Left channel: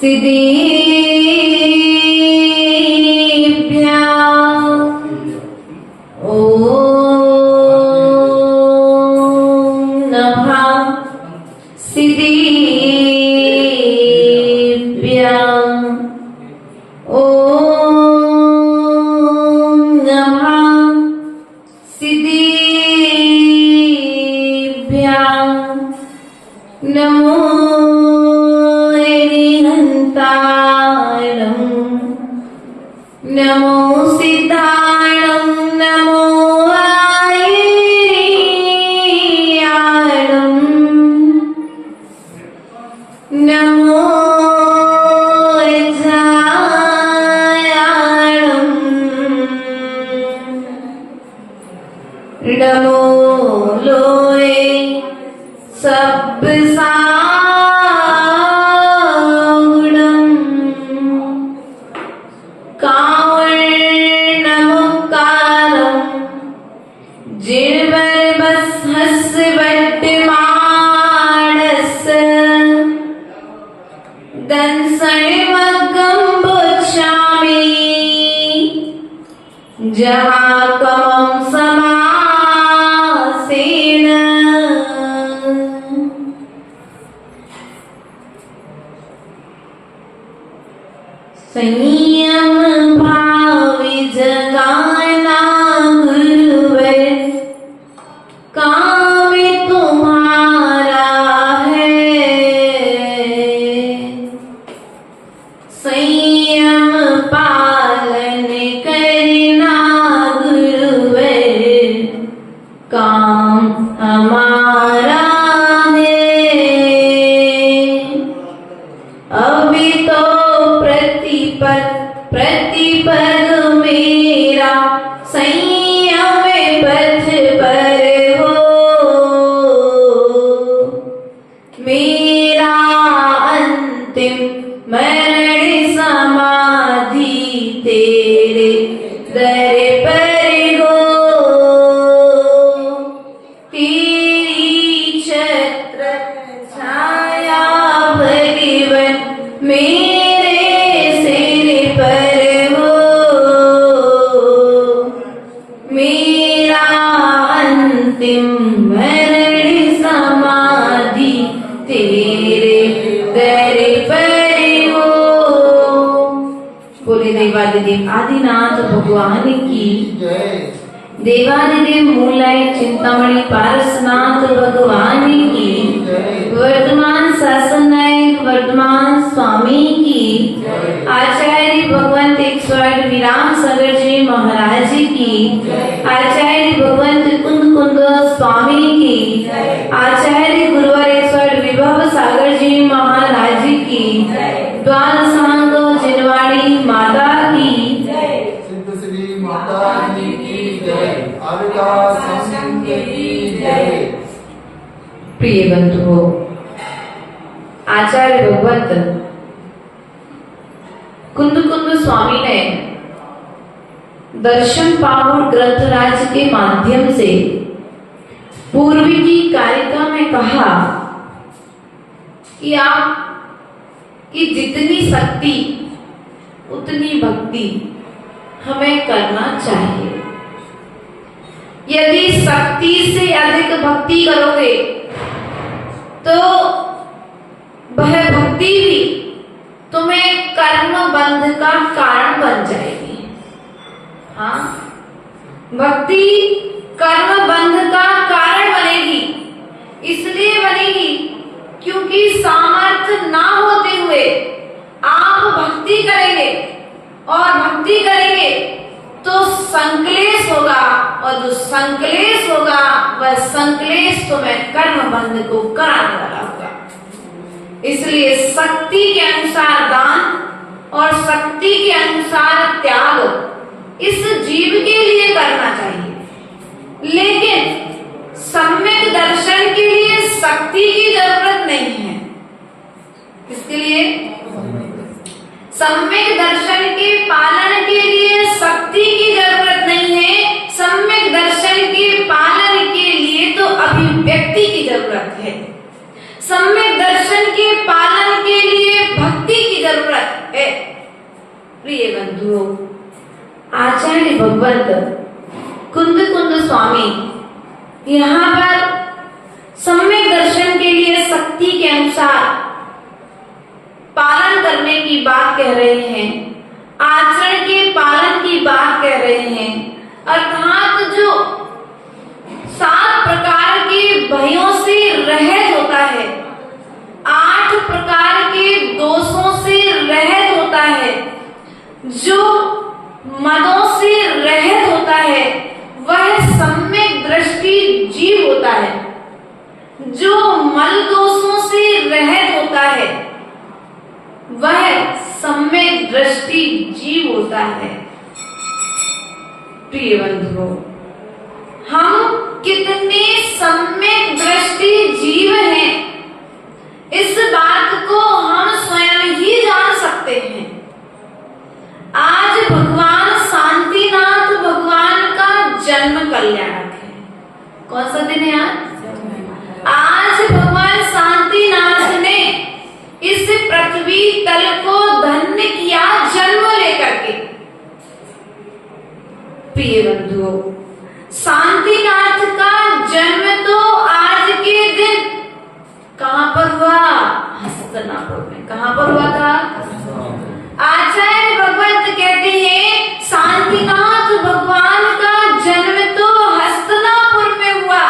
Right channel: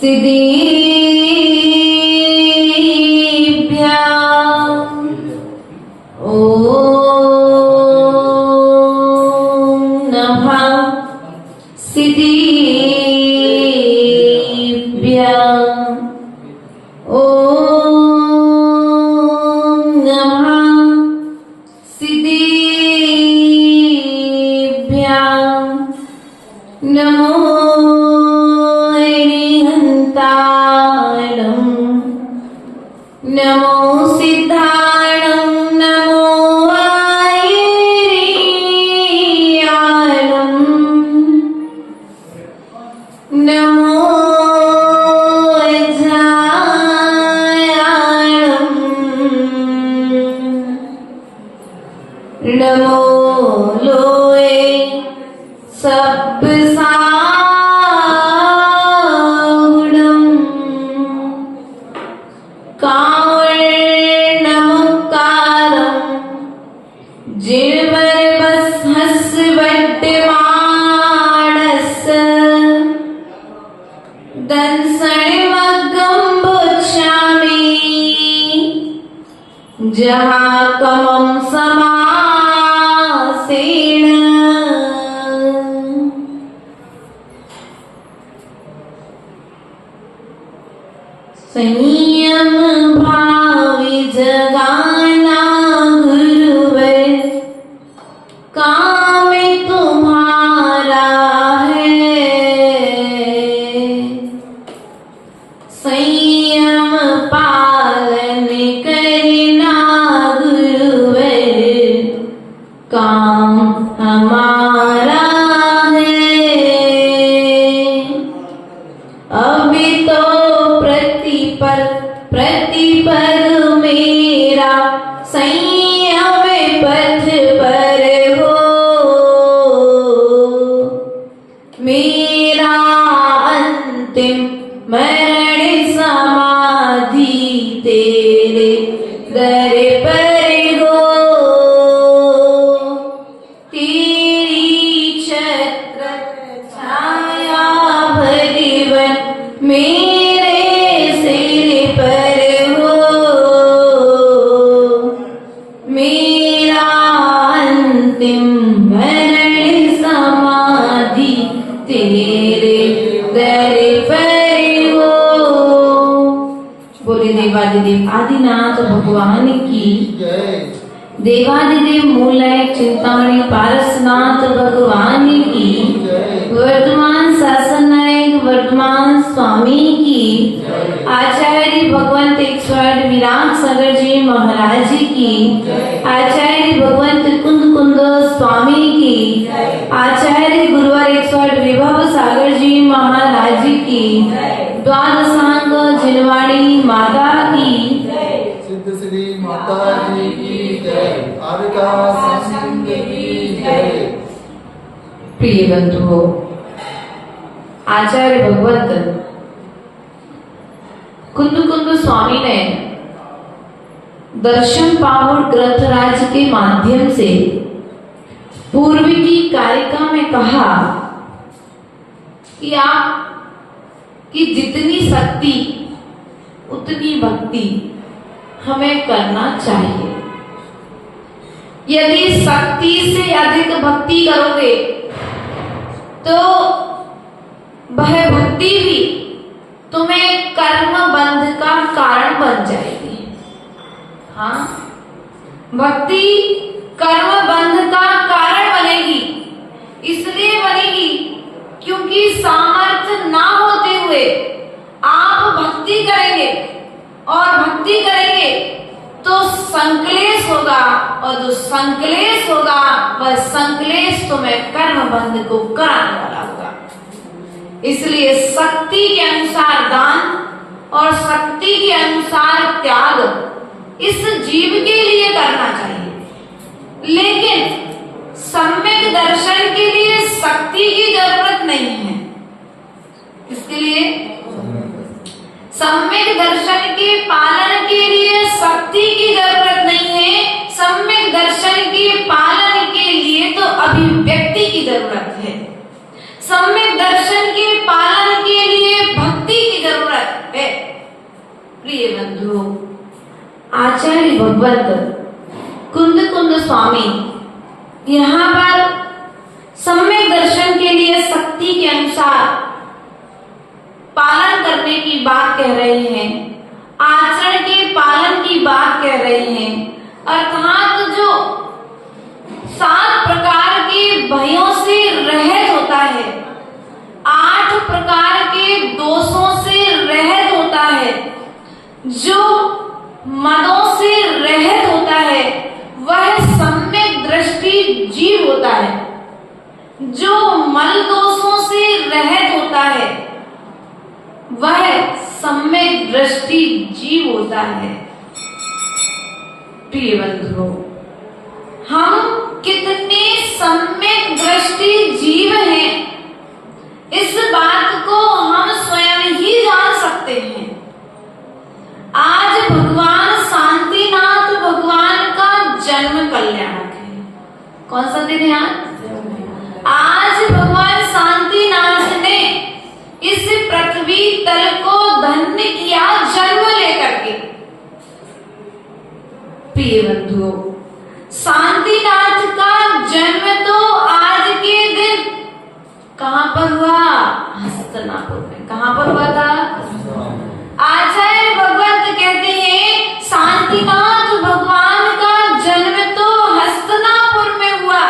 सिद्धिभ्याम् ॐ नमः सिद्धिभ्याम् ॐ नमः सिद्धिभ्याम् नमो नमो सिद्धाणं नमो आयर्याणं नमो जायाणं नमो लोये सब्सावणं कावर्णमुक्कारं जिह्वरवस्हस्वट्टमाणस्य दंसणमग्गं पुच्छामि जहाकमं समासेन संयम भावी जगाना गुरुवर काम तुम्हारा है संयम पालन करना गुरुवर काम हमारा है अभी तो प्रतिपल मेरा संयम पथ पर हो मेरा अंतिम मरण समाधि तेरे दर पर हो तेरी छत्र छाया भरीवन मेरे सिर पर हो मेरा अंतिम मरण समाधि तेरे दर पर हो। बोले देवादिदेव आदिनाथ भगवान की जय। देवादिदेव मूलाय चिंतामणि पारसनाथ भगवान की जय। वर्तमान शासन नायक वर्तमान स्वामी की आचार्य भगवंत 108 विराम सागर जी महाराज की आचार्य भगवंत कुंद कुंद स्वामी की आचार्य गुरुवर 108 विभव सागर जी महाराज की द्वादशांग जिनवाड़ी माता की सिद्ध श्री माता जी की जय। आविका संघ की जय। प्रिय बंधुओं, आचार्य भगवंत कुंद कुंद स्वामी ने दर्शन पावड़ ग्रंथराज के माध्यम से पूर्व की कारिका में कहा कि आप की जितनी शक्ति उतनी भक्ति हमें करना चाहिए। यदि शक्ति से अधिक भक्ति करोगे तो वह भक्ति भी तुम्हें कर्म बंध का कारण बन जाएगी। हाँ, भक्ति कर्म बंध का कारण बनेगी। इसलिए बनेगी क्योंकि सामर्थ्य ना होते हुए आप भक्ति करेंगे और भक्ति करेंगे तो संकलेश होगा और जो संकलेश होगा वह संकलेश तुम्हें कर्म बंध को कराने वाला होगा। इसलिए शक्ति के अनुसार दान और शक्ति के अनुसार त्याग इस जीव के लिए करना चाहिए, लेकिन सम्यक दर्शन के लिए शक्ति की जरूरत नहीं है। इसके लिए सम्यक दर्शन के पालन के लिए शक्ति की जरूरत नहीं है। सम्यक दर्शन के पालन के लिए तो अभिव्यक्ति की जरूरत है। सम्यक दर्शन के पालन के लिए भक्ति की जरूरत बंधुओं, आचार्य भगवत कुंद कुंद स्वामी यहाँ पर सम्यक दर्शन के लिए शक्ति के अनुसार पालन करने की बात कह रहे हैं, आचरण के पालन की बात कह रहे हैं। अर्थात जो 7 प्रकार के भयों से रहित होता है, 8 प्रकार के दोषों से रहित होता है, जो मदों से रहित होता है, वह सम्यक दृष्टि जीव होता है। जो मल दोषों से रहित होता है, वह सम्यक दृष्टि जीव होता है। प्रिय बंधुओं, हम कितने सम्यक दृष्टि जीव हैं, इस बात को हम स्वयं ही जान सकते हैं। आज भगवान शांतिनाथ भगवान का जन्म कल्याणक है। कौन सा दिन है आज भगवान शांतिनाथ ने इस पृथ्वी तल को धन्य किया जन्म लेकर के। प्रिय बंधुओं, शांतिनाथ का जन्म तो आज के दिन कहां पर हुआ? हस्तिनापुर में। कहां पर हुआ था? आचार्य भगवत कहते हैं शांतिनाथ भगवान का जन्म तो हस्तिनापुर में हुआ,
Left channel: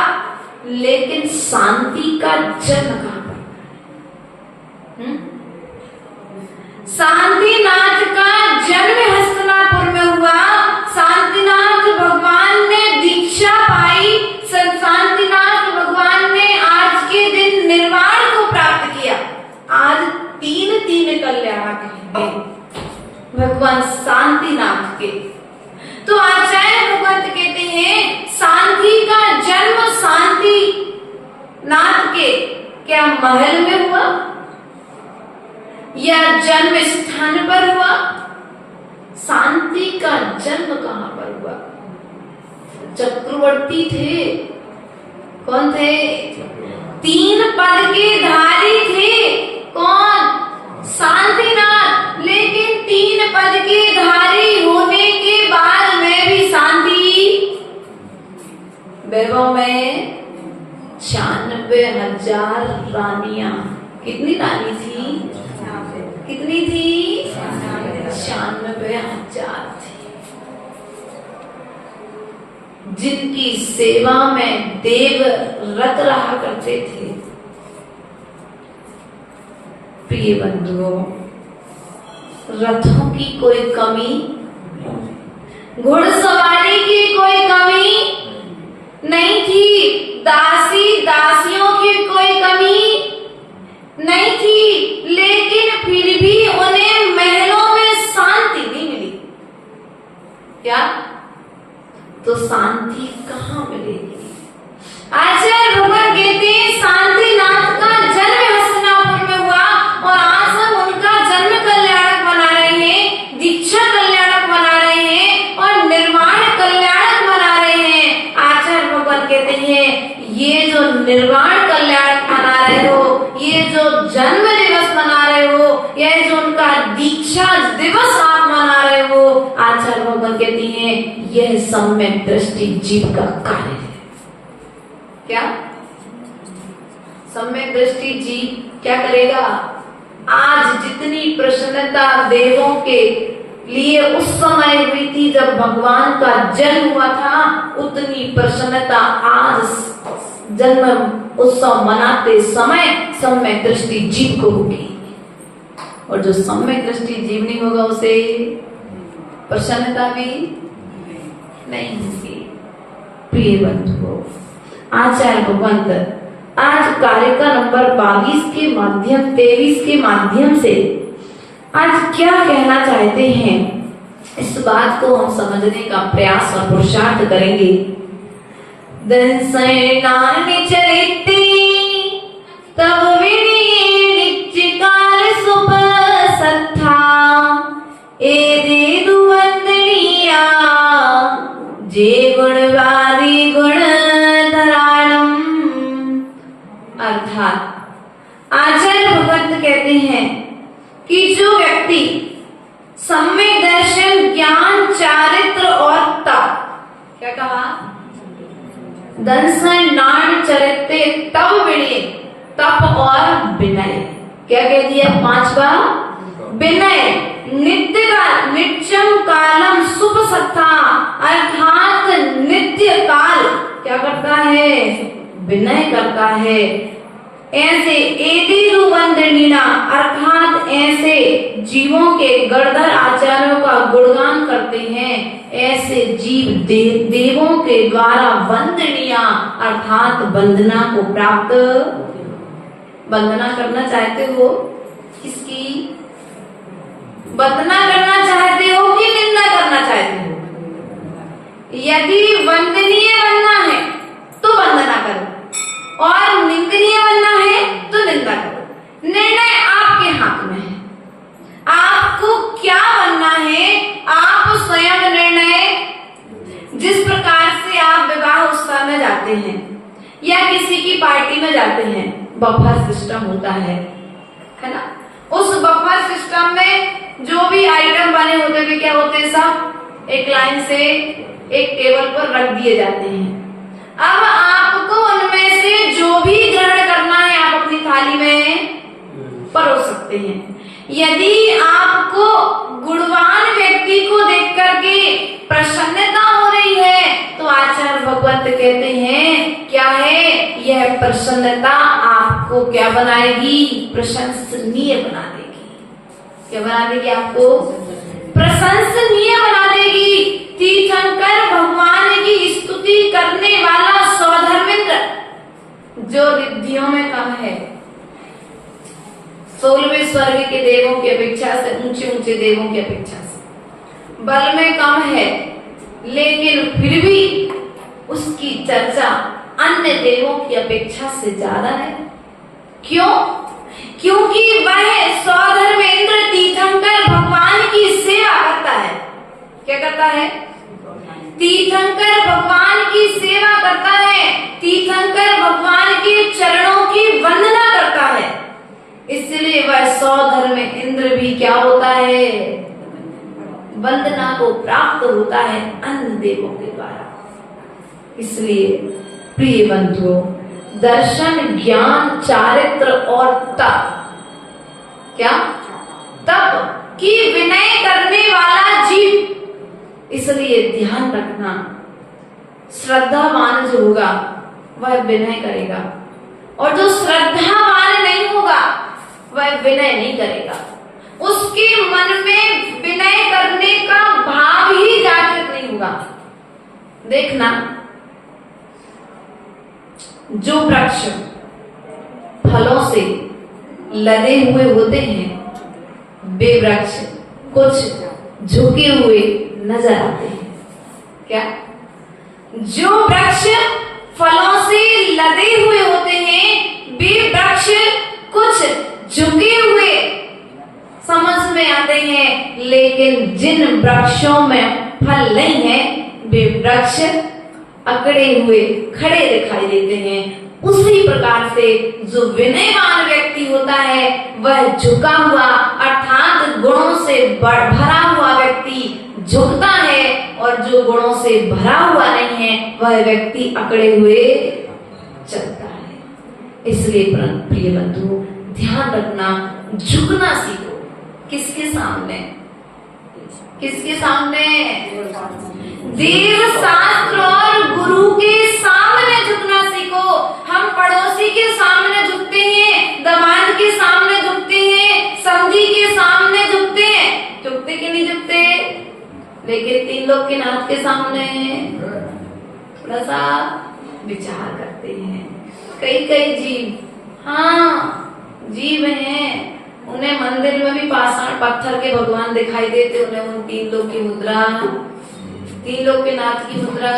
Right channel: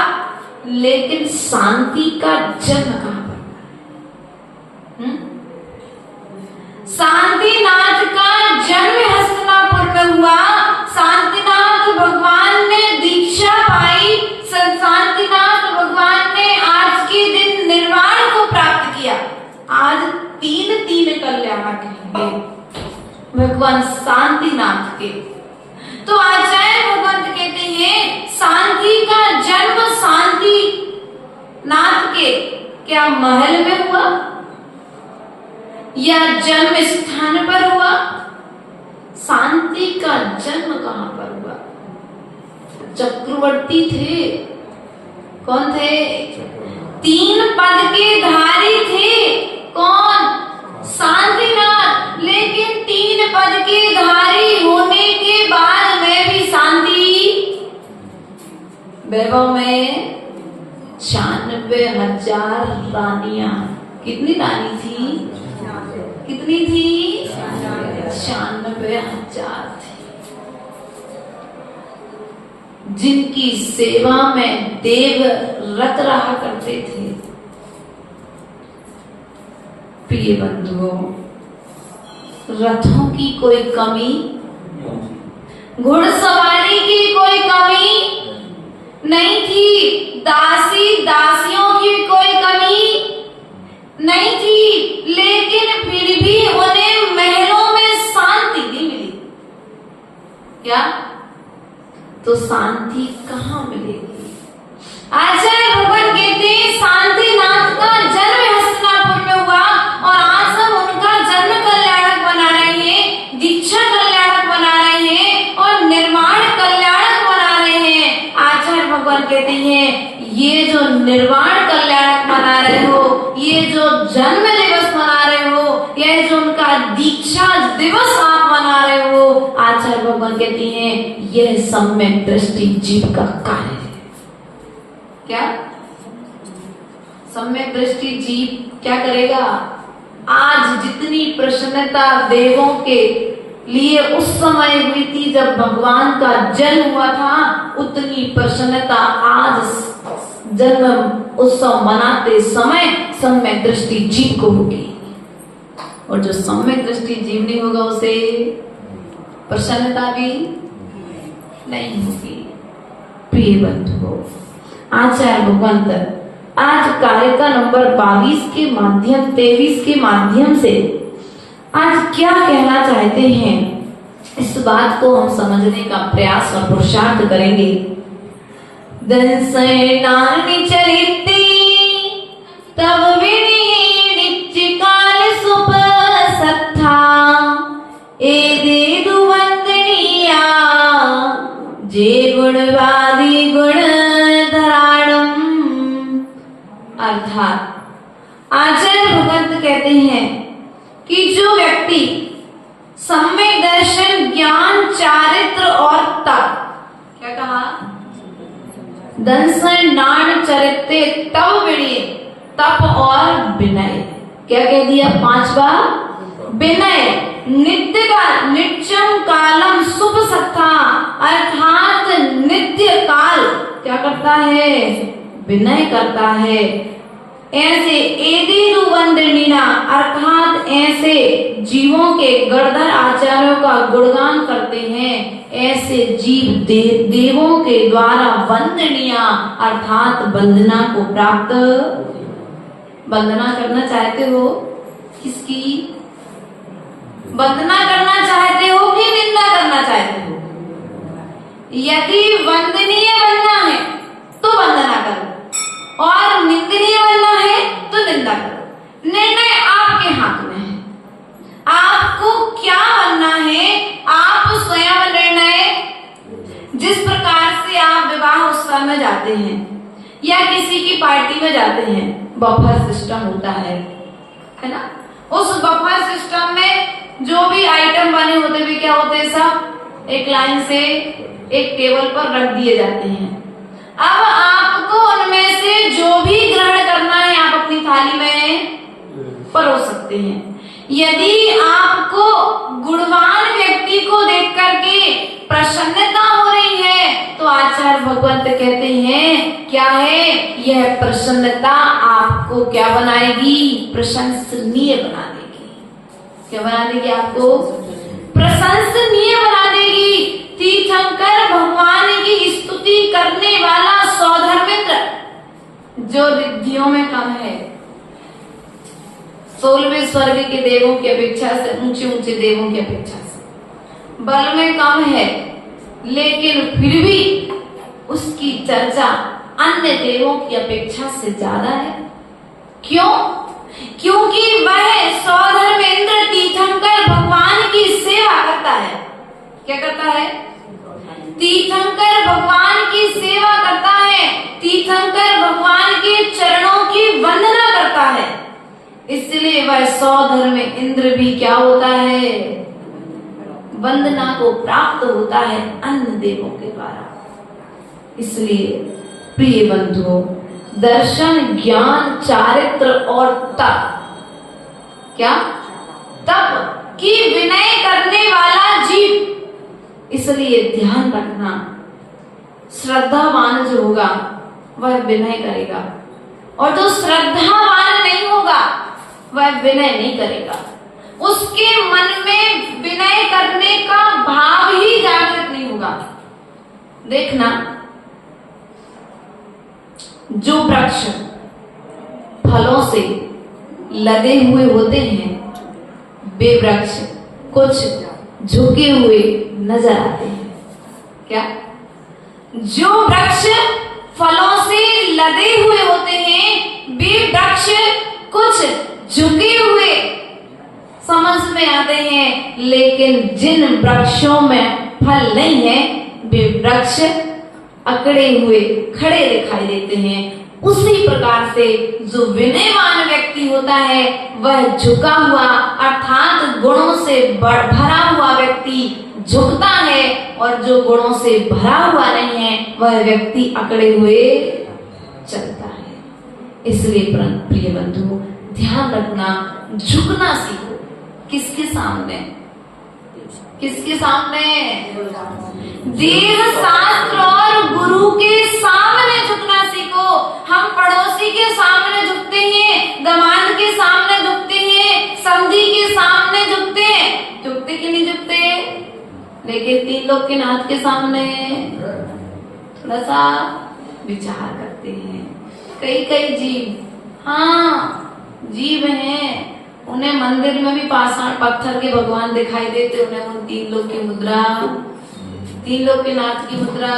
लेकिन शांति का जन्म कहां पर? शांतिनाथ का जन्म हस्तिनापुर में हुआ। शांतिनाथ भगवान ने दीक्षा पाई, शांतिनाथ भगवान ने आज के दिन निर्वाण को प्राप्त किया। आज 3 कल्याणक हैं भगवान शांतिनाथ के। तो आचार्य भगवत कहते हैं शांति का जन्म शांति नाथ के क्या महल में हुआ या जन्म स्थान पर हुआ? शांति का जन्म कहां पर हुआ? चक्रवर्ती थे। कौन थे? 3 पद के धारी थे। कौन? शांतिनाथ। लेकिन 3 पद के धारी होने के बाद में भी शांति वैभव में 96,000 रानियां। कितनी रानी थी? कितनी थी? 96,000 थी, जिनकी सेवा में देव रत रहा करते थे। प्रिय बंधुओं, रथों की कोई कमी, घुड़सवारी की कोई कमी नहीं थी, दासी दासियों की कोई कमी नहीं थी, लेकिन फिर भी उन्हें महलों में शांति नहीं मिली। क्या? तो शांति कहाँ मिलेगी? आचार्य भगवान कहते हैं शांतिनाथ का जन्म हस्तिनापुर में हुआ और आज हम उनका जन्म कल्याणक बना रहे हैं, दीक्षा कल्याणक बना रहे हैं और निर्वाण कल्याणक बना रहे हैं। आचार्य भगवान कहते हैं ये जो निर्वाण कल्याणक मना रहे हो, ये जो जन्म दिवस मना रहे हो, ये जो उनका दीक्षा दिवस आप मना रहे हो, आचार्य भगवान कहते हैं यह सम्यक दृष्टि जीव का कार्य है। क्या? सम्यक दृष्टि जीव क्या करेगा? आज जितनी प्रसन्नता देवों के लिए उस समय हुई थी जब भगवान का जन्म हुआ था, उतनी प्रसन्नता आज जन्म उत्सव मनाते समय सम्यक दृष्टि जीव को होगी। और जो सम्यक दृष्टि जीव नहीं होगा उसे प्रसन्नता भी नहीं होगी। प्रिय बंधुओं, आचार्य भगवंत आज कार्यक्रम नंबर 22 के माध्यम 23 के माध्यम से आज क्या कहना चाहते हैं, इस बात को हम समझने का प्रयास और पुरुषार्थ करेंगे। दर्शनानि चरित्री तब नित्यकाल सुपसत्था एदे दुवंदनीया जे गुणवादी गुण धराणम। अर्थात आचार्य भगवत कहते हैं कि जो व्यक्ति सम्यक दर्शन दंसन नाण चरित्य तव विनय, तप और विनय। क्या कह दिया? 5वां विनय। नित्य काल, नित्यम कालम शुभ सत्ता, अर्थात नित्य काल क्या करता है? विनय करता है। ऐसे एदिरु वंदनीना, अर्थात ऐसे जीवों के गणधर आचार्यों का गुणगान करते हैं, ऐसे जीव देवों के द्वारा वंदनीय, अर्थात वंदना को प्राप्त। वंदना करना चाहते हो किसकी? वंदना करना चाहते हो कि निंदा करना चाहते हो? यदि वंदनीय बनना है तो वंदना करो, और निंदनीय बनना है तो निंदा करो। निर्णय आपके हाथ में है, आपको क्या बनना है आप स्वयं निर्णय। जिस प्रकार से आप विवाह उत्सव में जाते हैं या किसी की पार्टी में जाते हैं, बफर सिस्टम होता है ना? उस बफर सिस्टम में जो भी आइटम बने होते भी क्या होते हैं? सब एक लाइन से एक टेबल पर रख दिए जाते हैं। अब आपको उनमें से जो भी ग्रहण करना है आप अपनी थाली में परोस सकते हैं। यदि आपको गुणवान व्यक्ति को देख करके प्रसन्नता हो रही है तो आचार्य भगवत कहते हैं क्या है? यह प्रसन्नता आपको क्या बनाएगी? प्रशंसनीय बना देगी। क्या बना देगी? आपको प्रशंसनीय बना देगी। तीर्थंकर भगवान की स्तुति करने वाला सौधर्मेंद्र जो रिद्धियों में कम है, 16वें स्वर्ग के देवों की अपेक्षा से, ऊंचे ऊंचे देवों की अपेक्षा से बल में कम है, लेकिन फिर भी उसकी चर्चा अन्य देवों की अपेक्षा से ज्यादा है। क्यों? क्योंकि वह सौधर्मेंद्र तीर्थंकर भगवान की सेवा करता है। क्या करता है? तीर्थंकर भगवान की सेवा करता है, तीर्थंकर भगवान के चरणों की वंदना करता है। इसलिए वह सौधर्मेंद्र भी क्या होता है? वंदना को प्राप्त होता है अन्य देवों के द्वारा। इसलिए प्रिय बंधुओं, दर्शन, ज्ञान, चारित्र और तप, क्या? तप की विनय करने वाला जीव। इसलिए ध्यान रखना, श्रद्धावान जो होगा वह विनय करेगा, और जो श्रद्धावान नहीं होगा वह विनय नहीं करेगा। उसके मन में विनय करने का भाव ही जागृत नहीं होगा। देखना, जो वृक्ष फलों से लदे हुए होते हैं वे वृक्ष कुछ झुके हुए नजर आते हैं। क्या? जो वृक्ष फलों से लदे हुए होते हैं वे वृक्ष कुछ झुके हुए समझ में आते हैं, लेकिन जिन वृक्षों में फल नहीं है वे वृक्ष अकड़े हुए खड़े दिखाई देते हैं। उसी प्रकार से जो विनयवान व्यक्ति होता है वह झुका हुआ, अर्थात गुणों से भरा हुआ व्यक्ति झुकता है, और जो गुणों से भरा हुआ नहीं है वह व्यक्ति अकड़े हुए चलता है। इसलिए प्रिय बंधु, ध्यान रखना, झुकना सीखो। किसके सामने? किसके सामने? देव शास्त्र और गुरु के सामने झुकना सीखो। हम पड़ोसी के सामने झुकते हैं, दामाद के सामने झुकते हैं, समधी के सामने झुकते हैं। झुकते कि नहीं झुकते? लेकिन 3 लोग के नाथ के सामने थोड़ा सा विचार करते हैं। कई जीव, हाँ जीव हैं, उन्हें मंदिर में भी पाषाण पत्थर के भगवान दिखाई देते, उन्हें उन 3 लोग की मुद्रा, 3 लोग के नाथ की मुद्रा।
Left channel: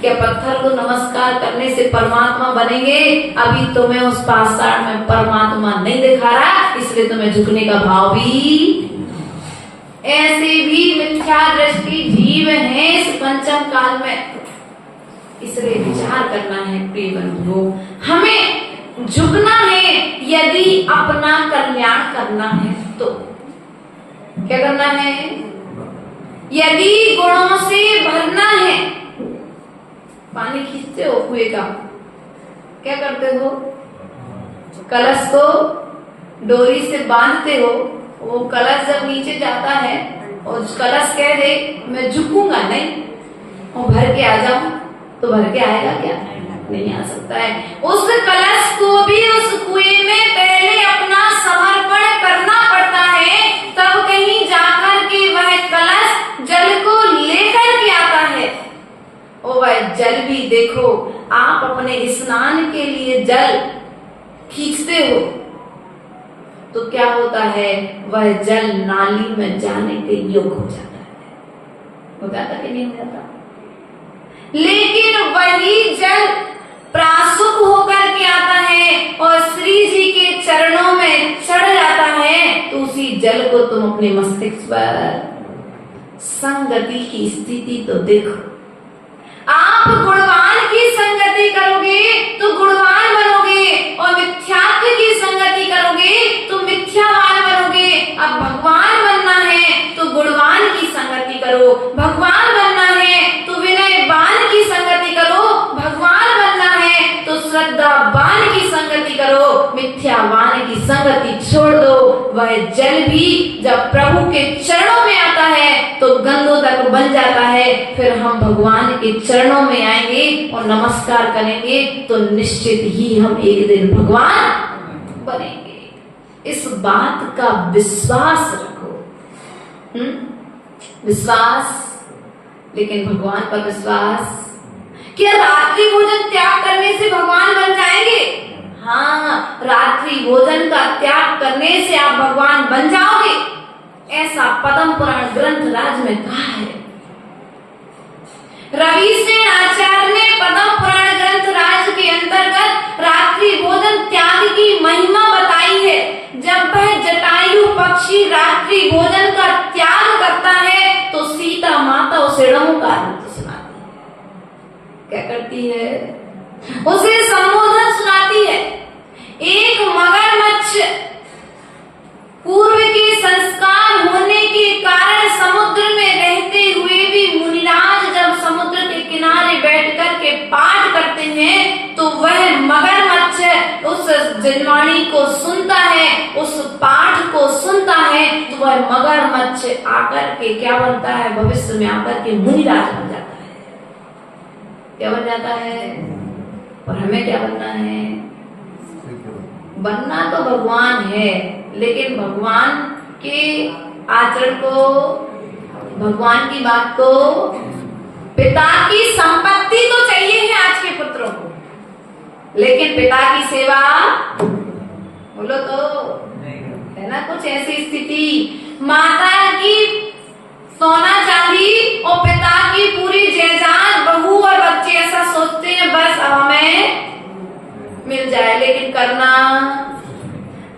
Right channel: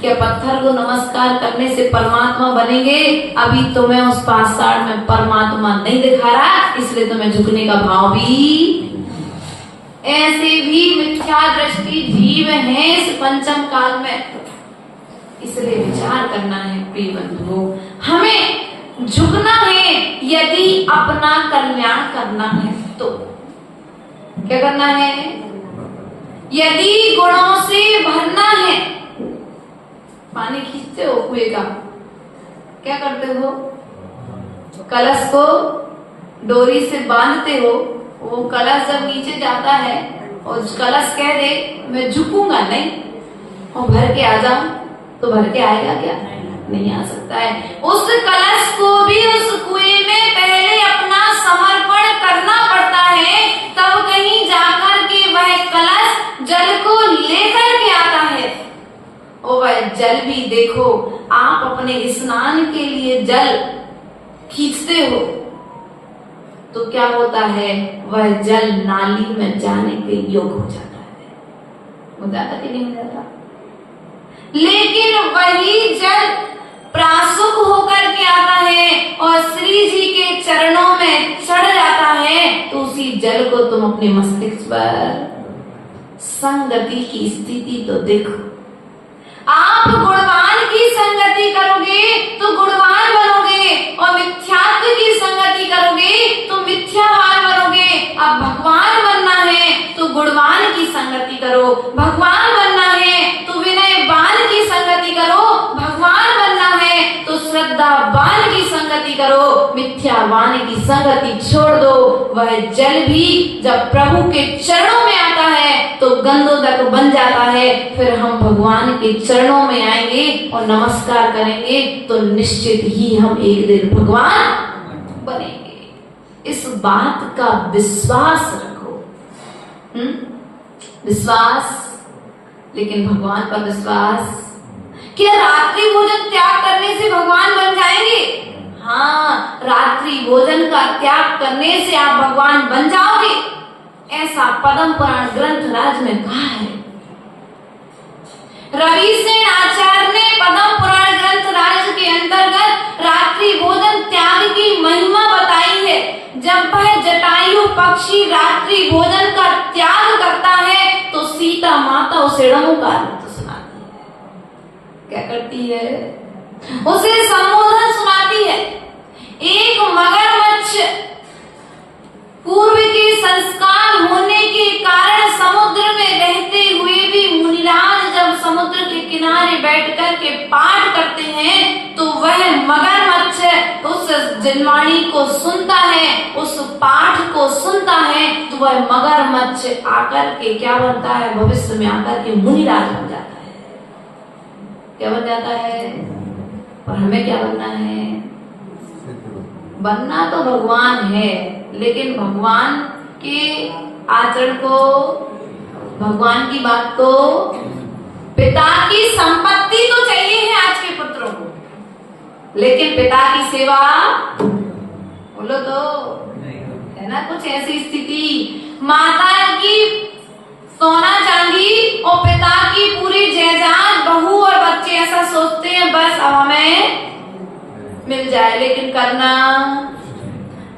क्या पत्थर को नमस्कार करने से परमात्मा बनेंगे? अभी तुम्हें उस पाषाण में परमात्मा नहीं दिखा रहा, इसलिए तुम्हें झुकने का भाव भी। ऐसे भी मिथ्या दृष्टि जीव हैं इस पंचम काल में, इसलिए विचार करना है प्रिय बंधुओं। हमें झुकना है यदि अपना कल्याण करना है तो। क्या करना है? यदि गुणों से भरना है पानी खींचते हो कुएं का, क्या करते हो? कलश को डोरी से बांधते हो। वो कलश जब नीचे जाता है और कलश कह दे मैं झुकूंगा नहीं और भर के आ जाऊं, तो भर के आएगा क्या? नहीं आ सकता है। उस कलश को भी उस कुएं में पहले अपना समर्पण करना पड़ता है, तब कहीं जाकर के वह कलश जल को लेकर के आता है। और वह जल भी देखो, आप अपने स्नान के लिए जल खींचते हो तो क्या होता है? वह जल नाली में जाने के योग हो जाता है। हो जाता कि नहीं हो जाता? लेकिन वही जल प्रासुक होकर के आता है और श्री जी के चरणों में चढ़ जाता है, तो उसी जल को तुम अपने मस्तिष्क पर संगति की स्थिति तो देखो। आप गुणवान की संगति करोगे तो गुणवान बनोगे और मिथ्यात्व की संगति करोगे तो मिथ्यावान बनोगे। अब भगवान बनना है तो गुणवान की संगति करो, भगवान बनना है तो विनयवान की संगति करो, भगवान बनना है तो श्रद्धावान की संगति करो, मिथ्यावान की संगति छोड़ दो। वह जल भी जब प्रभु के चरणों में आता है तो गंधोदक बन जाता है। फिर हम भगवान के चरणों में आएंगे और नमस्कार करेंगे तो निश्चित ही हम एक दिन भगवान बनेंगे। इस बात का विश्वास रखो। विश्वास, लेकिन भगवान पर विश्वास। क्या रात्रि भोजन त्याग करने से भगवान बन जाएंगे? हाँ, रात्रि भोजन का त्याग करने से आप भगवान बन जाओगे, ऐसा पद्म पुराण ग्रंथ राज में कहा है। रवि सेन आचार्य ने पद्म पुराण ग्रंथ राज के अंतर्गत रात्रि भोजन त्याग की महिमा बताई है। जब वह जटायु पक्षी रात्रि भोजन का त्याग करता है तो सीता माता उसे रमुकार सुनाती है। क्या करती है? उसे संबोधन सुनाती है। एक मगरमच्छ पूर्व के संस्कार होने के कारण समुद्र में रहते हुए भी मुनिराज जब समुद्र के किनारे बैठकर के पाठ करते हैं तो वह मगरमच्छ उस जनवाणी को सुनता है, उस पाठ को सुनता है, तो वह मगरमच्छ आकर के क्या बनता है? भविष्य में आकर के मुनिराज बन जाता है। क्या बन जाता है? और हमें क्या बनना है? बनना तो भगवान है, लेकिन भगवान के आचरण को, भगवान की बात को, पिता की संपत्ति तो चाहिए है आज के पुत्रों को, लेकिन पिता की सेवा बोलो तो है ना। कुछ ऐसी स्थिति, माता की सोना चांदी और पिता की पूरी जायदाद, बहू और बच्चे ऐसा सोचते हैं बस अब हमें मिल जाए, लेकिन करना,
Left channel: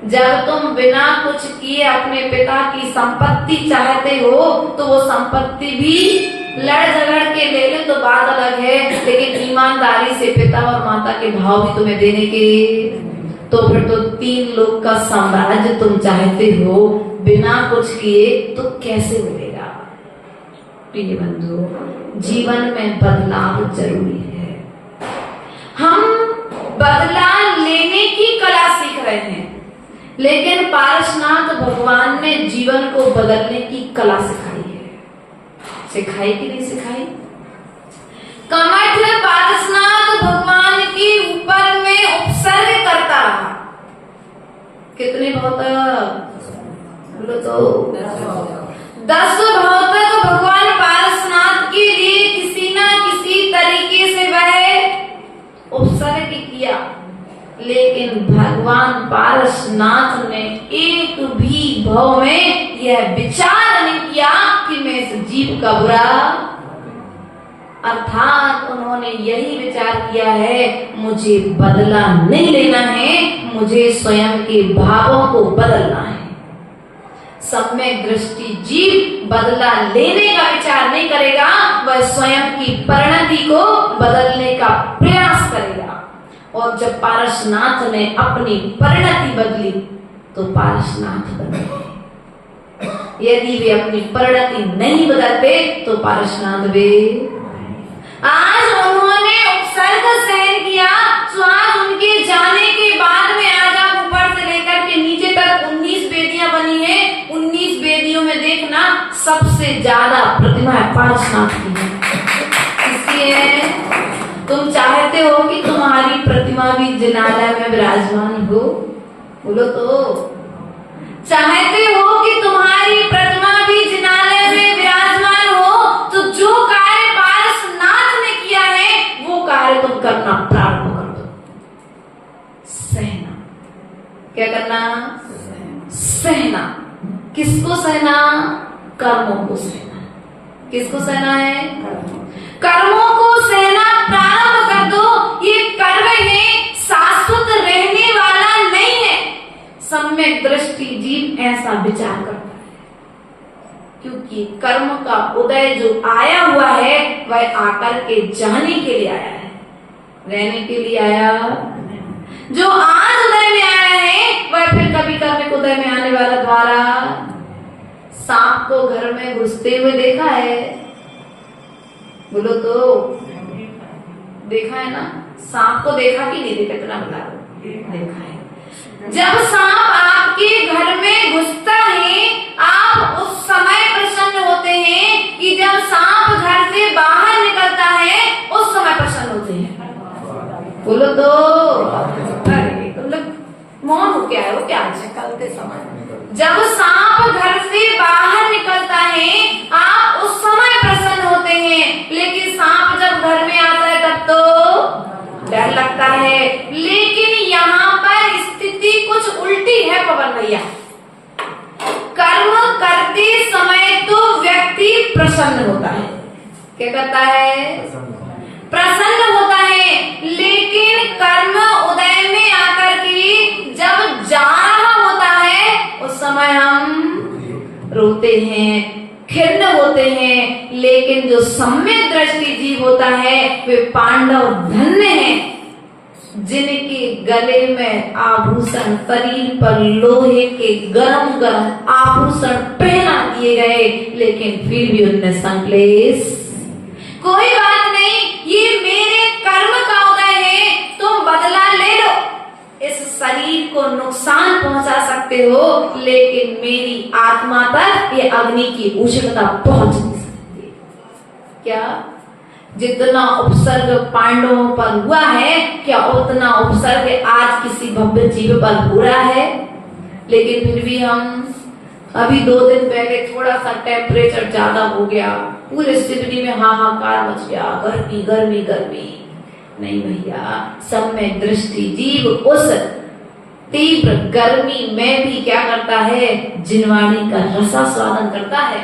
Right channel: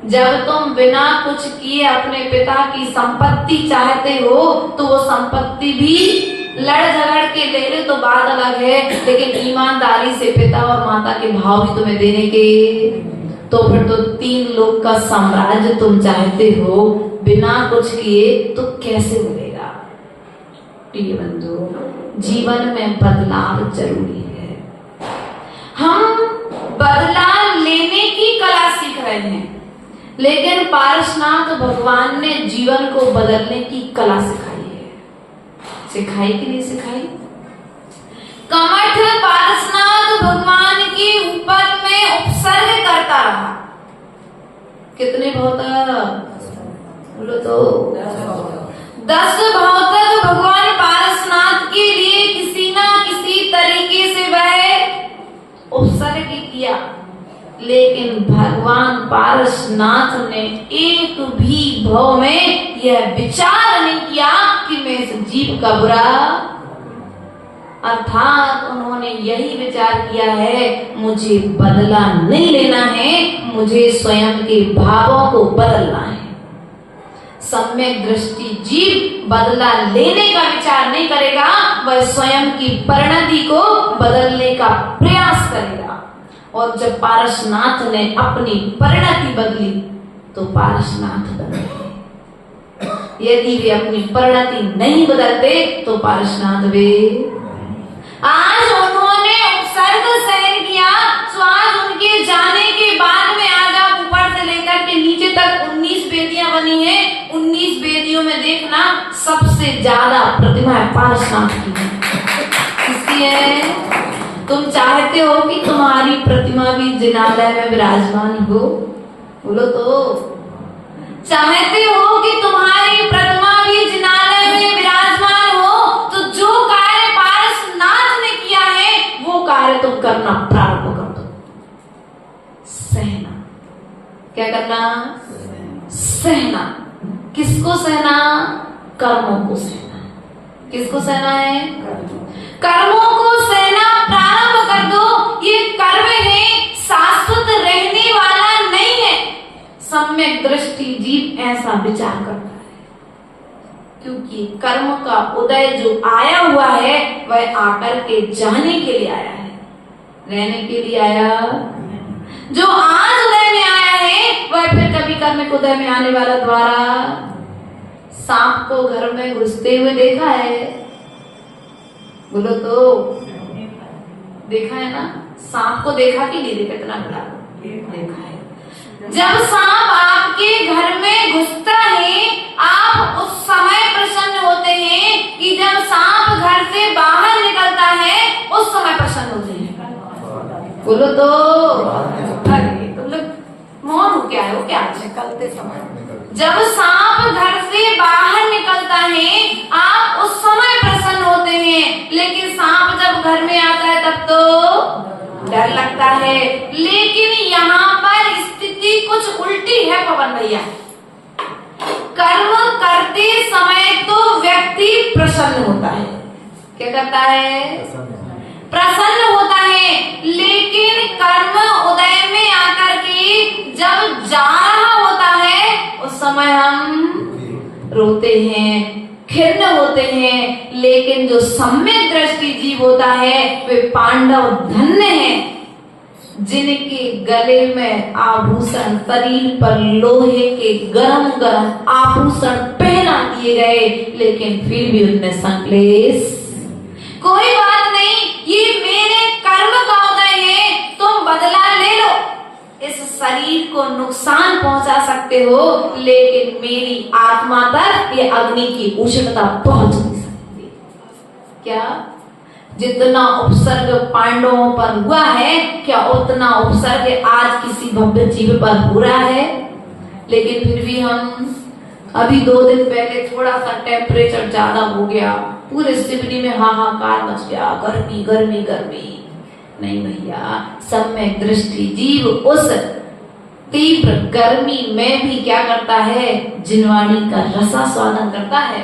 जब तुम बिना कुछ किए अपने पिता की संपत्ति चाहते हो तो वो संपत्ति भी लड़ झगड़ के ले ले तो बात अलग है, लेकिन ईमानदारी से पिता और माता के भाव भी तुम्हें देने के, तो फिर तो 3 लोग का साम्राज्य तुम चाहते हो बिना कुछ किए तो कैसे मिलेगा? प्रिय बंधु, जीवन में बदलाव जरूरी है। हम बदलाव लेने की कला सीख रहे हैं, लेकिन पारसनाथ भगवान ने जीवन को बदलने की कला सिखाई है। सिखाई कि नहीं सिखाई? कमठ पारसनाथ भगवान के ऊपर में उपसर्ग करता रहा। कितने भौतक? बोलो तो 10 भौतक भगवान पारसनाथ के लिए किसी ना किसी तरीके से वह उपसर्ग किया, लेकिन भगवान पारसनाथ ने एक भी भाव में यह विचार नहीं किया कि मैं इस जीव का बुरा, अर्थात उन्होंने यही विचार किया है मुझे बदला नहीं लेना है, मुझे स्वयं के भावों को बदलना है। सम्यक दृष्टि जीव बदला लेने का विचार नहीं करेगा, वह स्वयं की परिणति को बदलने का प्रयास करेगा। और जब पारसनाथ ने अपनी परिणति बदली तो पारसनाथ बने। यदि वे अपनी परिणति नहीं बदलते तो पारसनाथ वे। आज उन्होंने बनी है, 19 वेदियों में देखना सबसे ज्यादा प्रतिमाएं पारसनाथ की है। इसलिए तुम चाहते हो कि तुम्हारी प्रतिमा भी जिनालय में विराजमान हो? बोलो तो। चाहते हो कि तुम्हारी प्रतिमा भी जिनालय में विराजमान हो, तो जो कार्य पारसनाथ ने किया है वो कार्य तुम करना प्रारंभ कर दो। सहना। क्या करना? सहना। किसको सहना? कर्मों को सहना। किसको सहना है? कर्मों को सहना प्रारंभ कर दो। ये कर्म है, शाश्वत रहने वाला नहीं है। सम्यक दृष्टि जीव ऐसा विचार करता है, क्योंकि कर्म का उदय जो आया हुआ है वह आकर के जाने के लिए आया है, रहने के लिए आया। जो आज उदय में आया है वह फिर कभी कर्मिक उदय में आने वाला द्वारा। सांप को घर में घुसते हुए देखा है? बोलो तो। देखा है ना? सांप को देखा कि नहीं देखा? इतना बता दो। देखा है। जब सांप आपके घर में घुसता है, आप उस समय प्रसन्न होते हैं कि जब सांप घर से बाहर निकलता है उस समय प्रसन्न होते हैं। बोलो तो। अरे मतलब मौन हो क्या है? वो क्या निकलते समय? जब सांप घर से बाहर निकलता है आप उस समय प्रसन्न होते हैं, लेकिन सांप जब घर में आता है तब तो डर लगता है। लेकिन यहाँ पर स्थिति कुछ उल्टी है पवन भैया। कर्म करते समय तो व्यक्ति प्रसन्न होता है। क्या करता है? प्रसन्न होता है। लेकिन कर्म उदय में आकर के जब जा रहा होता है उस समय हम रोते हैं, खिन्न होते हैं। लेकिन जो सम्यक दृष्टि जीव होता है वे पांडव धन्य हैं जिनके गले में आभूषण, शरीर पर लोहे के गरम गरम आभूषण पहना दिए गए, लेकिन फिर भी उनने संकलेश। कोई बात नहीं, ये मेरे कर्म का उदय है, तुम बदला ले लो। इस शरीर को नुकसान पहुंचा सकते हो, लेकिन मेरी आत्मा तक ये अग्नि की उष्णता पहुंच नहीं सकती। क्या? जितना उपसर्ग पांडवों पर हुआ है, क्या उतना उपसर्ग आज किसी भव्य जीव पर हो रहा है? लेकिन फिर भी हम अभी 2 दिन पहले थोड़ा सा टेम्परेचर ज्यादा हो गया, पूरे सिडनी में हाहाकार मच गया, गर्मी गर्मी गर्मी। नहीं भैया, सम्यक दृष्टि जीव उस तीव्र गर्मी में भी क्या करता है? जिनवाणी का रसास्वादन करता है।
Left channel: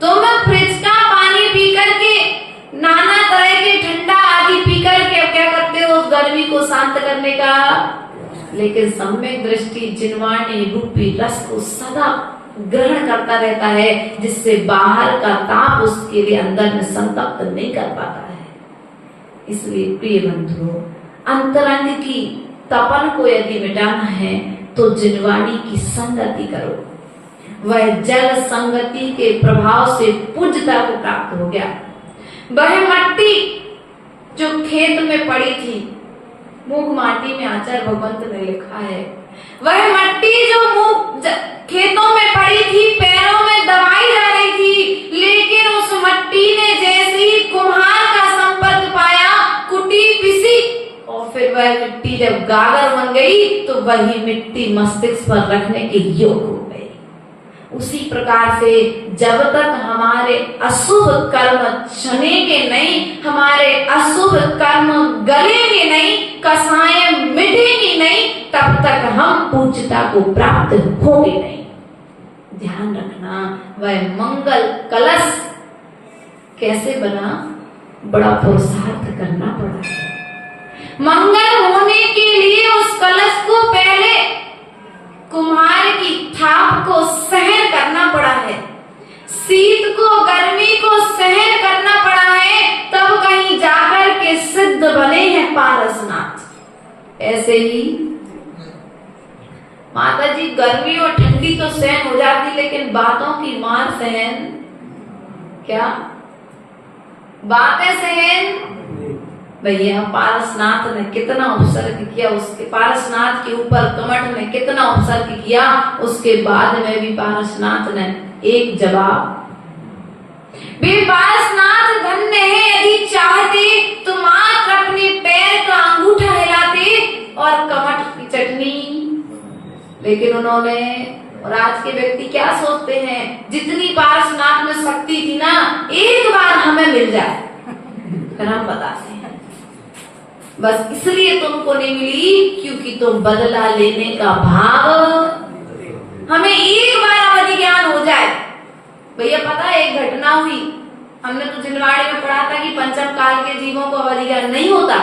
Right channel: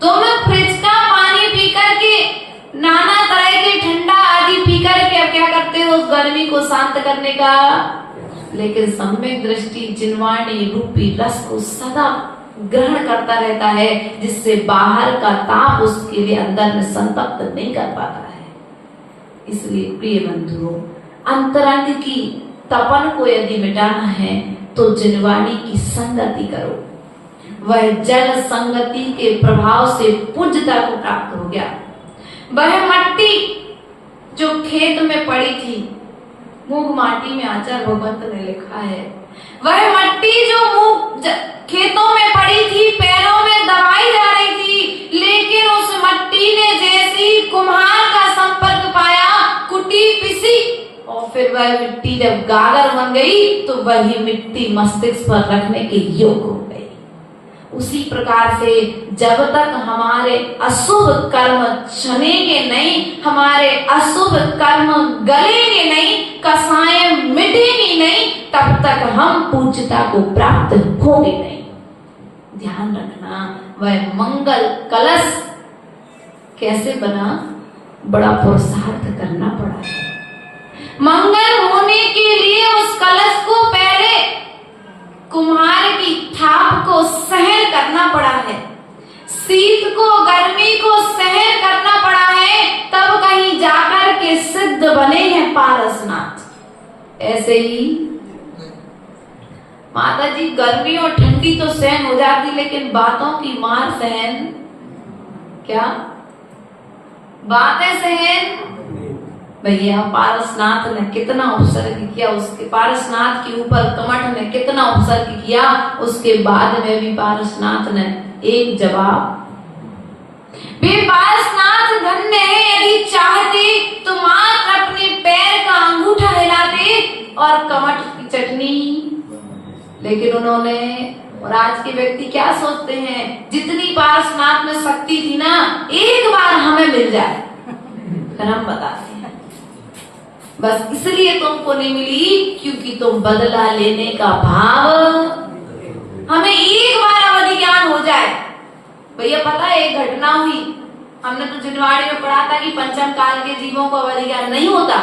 तुम फ्रिज का पानी पी करके, नाना तरह के ठंडा आदि पी करके अब क्या करते हो? उस गर्मी को शांत करने का। लेकिन सम्यक दृष्टि जिनवाणी रूपी रस को सदा ग्रहण करता रहता है, जिससे बाहर का ताप उसके लिए अंदर में संतप्त नहीं कर पाता है। इसलिए प्रिय बंधुओं, अंतरंग की तपन को यदि मिटाना है तो जिनवाणी की संगति करो। वह जल संगति के प्रभाव से पूज्यता को प्राप्त हो गया। वह मट्टी जो खेत में पड़ी थी, मूंग माटी में आचार्य भगवंत ने लिखा है, वह मट्टी जो खेतों में पड़ी थी, पैरों में दबाई जा रही थी, लेकिन उस मट्टी ने जैसी कुम्हार का संपर्क पाया, कुटी पिसी, और फिर वह मिट्टी जब गागर बन गई तो वही मिट्टी मस्तिष्क पर रखने के योग्य हो गई। उसी प्रकार से जब तक हमारे अशुभ कर्म छनेंगे नहीं, हमारे अशुभ कर्म गलेंगे नहीं, कसाएं मिटेंगी नहीं, तब तक हम पूज्यता को प्राप्त होंगे नहीं। ध्यान रखना, वह मंगल कलश कैसे बना? बड़ा पुरुषार्थ करना पड़ा। मंगल होने के लिए उस कलश को पहले कुम्हार की थाप को सहन करना पड़ा है, शीत को गर्मी को सहन करना पड़ा है, तब कहीं जाकर के सिद्ध बने हैं पारसनाथ। ऐसे ही माता जी गर्मी और ठंडी तो सहन हो जाती, लेकिन बातों की मार सहन, क्या बातें सहन? भैया पारसनाथ ने कितना उपसर्ग किया, उसके पारसनाथ के ऊपर कमठ ने कितना उपसर्ग किया, उसके बाद में भी पारसनाथ ने एक जवाब, वे पारसनाथ धन्य है, यदि चाहते तो मात्र अपने पैर का अंगूठा हिलाते और कमठ की चटनी, लेकिन उन्होंने, और आज के व्यक्ति क्या सोचते हैं, जितनी पारसनाथ में शक्ति थी ना, एक बार हमें मिल जाए फिर हम बताते हैं। बस इसलिए तुमको नहीं मिली क्योंकि तुम बदला लेने का भाव, हमें एक बार अवधि ज्ञान हो जाए। भैया पता है एक घटना हुई, हमने तो जिनवाड़ी में पढ़ा था कि पंचम काल के जीवों को अवधि ज्ञान नहीं होता,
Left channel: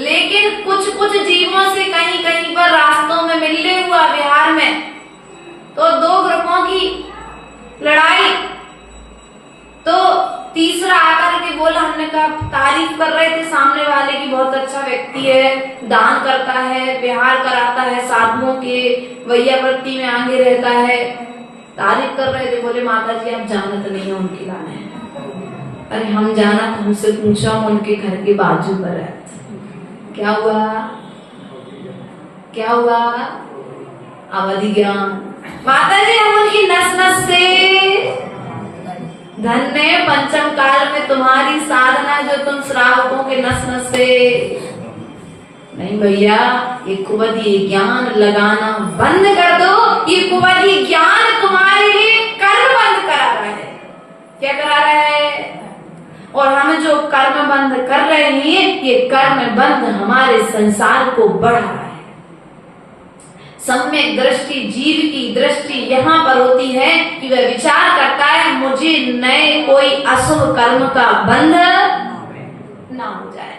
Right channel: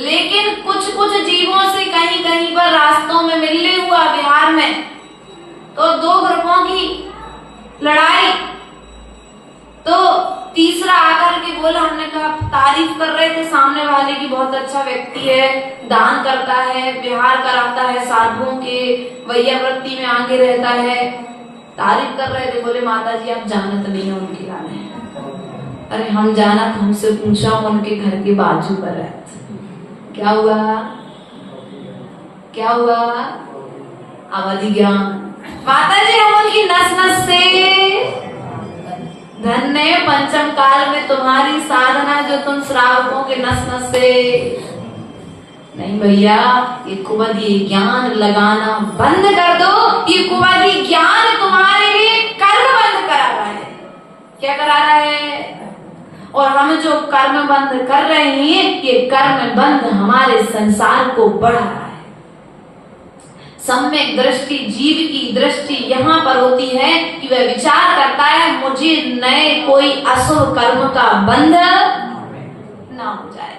लेकिन कुछ कुछ जीवों से कहीं कहीं पर रास्तों में मिलने हुआ बिहार में, तो दो ग्रुपों की लड़ाई, तो तीसरा आकर के बोला, हमने कहा तारीफ कर रहे थे सामने वाले की, बहुत अच्छा व्यक्ति है, दान करता है, विहार कराता है, साधुओं के वैयावृत्ति में आगे रहता है, तारीफ कर रहे थे। बोले माता जी आप जानत नहीं हो उनके गाने। अरे हम जाना, हमसे पूछो, हम उनके घर के बाजू पर है। क्या हुआ, क्या हुआ, अवधि ज्ञान। माता जी हम उनकी नस नस से धन्य, पंचम काल में तुम्हारी साधना जो तुम श्रावकों के नस नस से। नहीं भैया, ये कुवदी ज्ञान लगाना बंद कर दो, ये कुवदी ज्ञान तुम्हारे लिए कर्म बंद करा रहा है। क्या करा रहा है? और हम जो कर्म बंद कर रहे हैं, ये कर्म बंद हमारे संसार को बढ़ा रहा है। सम्यक दृष्टि, जीव की दृष्टि यहाँ पर होती है कि वह विचार करता है मुझे नए कोई अशुभ कर्म का बंध ना हो जाए,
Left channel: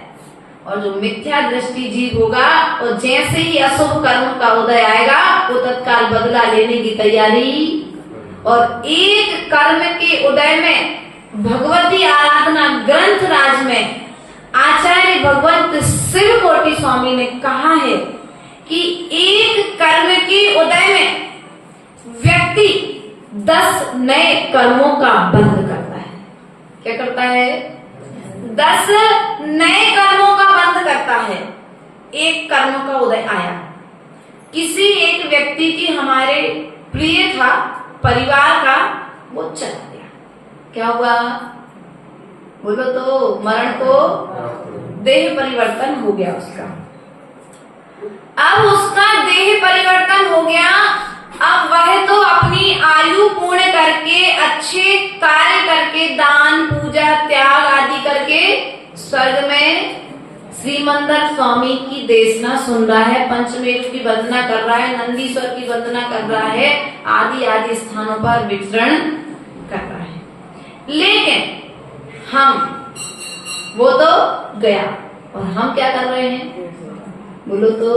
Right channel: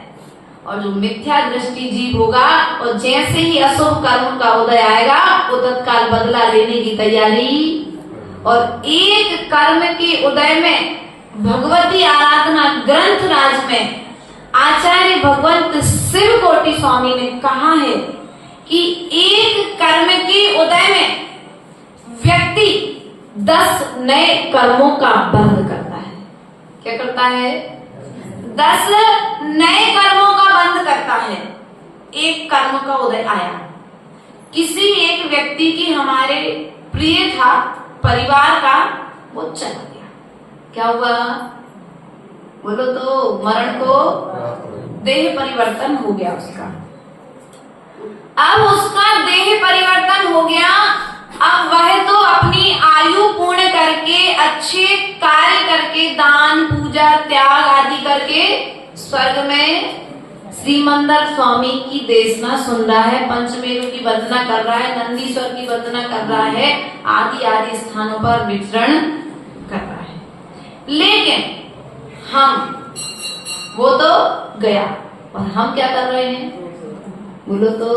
और जो मिथ्या दृष्टि जीव होगा, और जैसे ही अशुभ कर्म का उदय आएगा वो तत्काल बदला लेने की तैयारी। और एक कर्म के उदय में भगवती आराधना ग्रंथ राज में आचार्य भगवंत शिव कोटि स्वामी ने कहा है कि एक कर्म के उदय में व्यक्ति 10 नए कर्मों का बंध करता है। क्या करता है? 10 नए कर्मों का बंध करता है। एक कर्म का उदय आया, किसी एक व्यक्ति की हमारे प्रिय था, परिवार का, वो चला गया। क्या हुआ? बोलो तो, मरण को देह परिवर्तन हो गया उसका। अब उसका देह परिवर्तन हो गया, अब वह तो अपनी आयु पूर्ण करके, अच्छे कार्य करके, दान पूजा त्याग आदि करके स्वर्ग में श्रीमंदर स्वामी की देशना सुन रहा है, पंचमेरु की वंदना कर रहा है, नंदीश्वर की वंदना कर रहा है, आदि आदि स्थानों पर विचरण कर रहा है। लेकिन वो तो गया, और हम क्या कर रहे हैं? बोलो तो,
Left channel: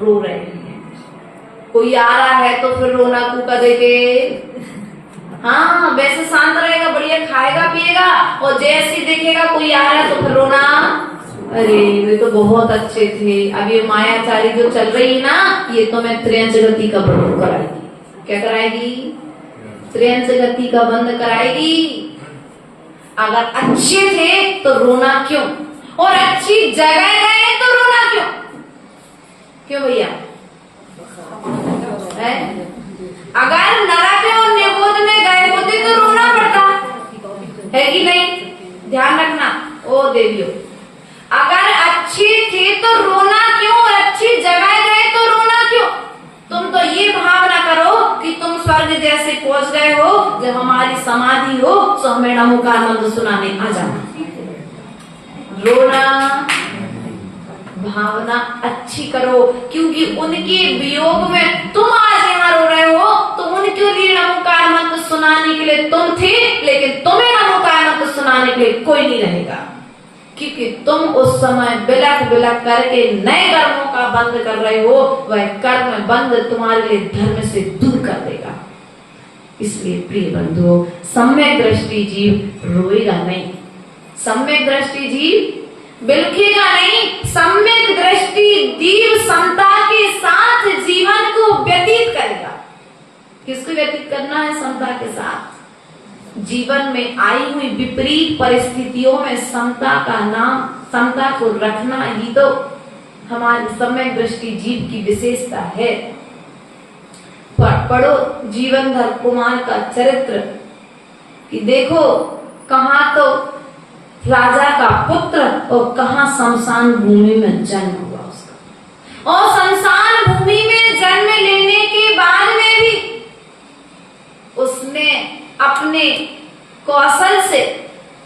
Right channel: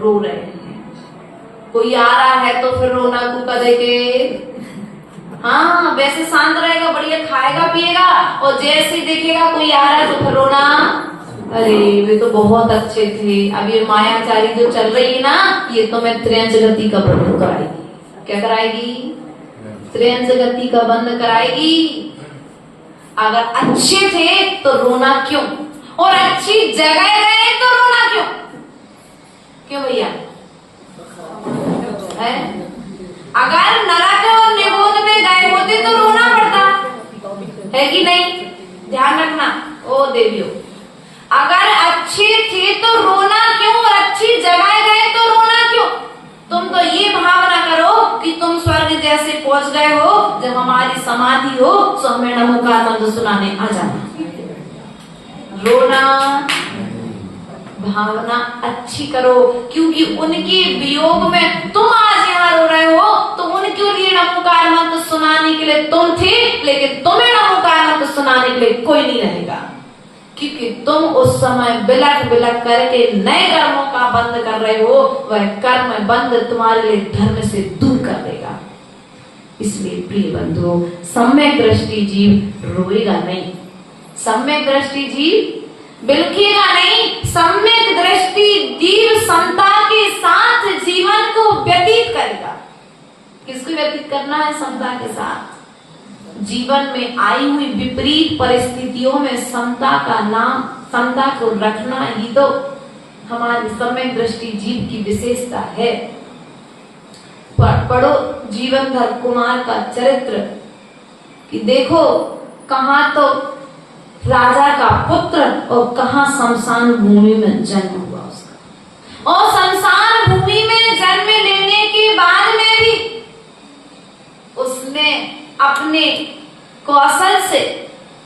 रो रहे हैं। कोई आ रहा है तो फिर रोना कूका देके, हाँ वैसे शांत रहेगा, बढ़िया खाएगा पिएगा, और जैसे देखेगा कोई आ रहा है तो फिर रोना, अरे वे तो बहुत अच्छे थे। अब ये मायाचारी जो चल रही है ना, ये तो मैं त्रियंच गति का बंद कराएगी। क्या कराएगी? त्रियंच गति का बंद कराएगी। अगर अच्छे थे तो रोना क्यों, और अच्छी जगह गए तो रोना क्यों? क्यों भैया? अगर नरक और निगोद में गए होते तो रोना पड़ता है कि नहीं? ध्यान रखना ओ देवियों, अगर अच्छे थे तो रोना क्यों, और अच्छी जगह गए तो रोना क्यों? तुम तो ये भावना करो कि तुम स्वर्ग जैसे पहुंच गए हो, जब हमारी समाधि हो तो हमें नमोकार मंत्र सुनाने आ जाना। रोना, भावना अच्छी करो, क्योंकि उनके वियोग में तुम आज यहाँ रो रहे हो, तो उनके लिए नमोकार मंत्र सुनाने के लिए तुम थे, लेकिन तुम्हें नमोकार मंत्र सुनाने के लिए कोई नहीं रहेगा, क्योंकि तुम उस समय बिलक बिलक करके नए कर्मों का बंद कर रहे हो। वह कर्म बंद तुम्हारे लिए धर्म से दूर कर देगा। इसलिए प्रिय बंधुओं, सम्यक दृष्टि जीव रोएगा नहीं, सम्यक दृष्टि जीव बिलखेगा नहीं, सम्यक दृष्टि जीव समता के साथ जीवन को व्यतीत करेगा। किसको व्यतीत करना है? समता के साथ। जीवन में आई हुई विपरीत परिस्थितियों में समता को रखना ही तो हमारी सम्यक दृष्टि जीव की विशेषता है। पढ़ो जीवनधर कुमार का चरित्र कि देखो कहाँ तो राजा का पुत्र और कहाँ शमशान भूमि में जन्म हुआ उसका, और शमशान भूमि में जन्म लेने के बाद में भी उसने अपने कौशल से,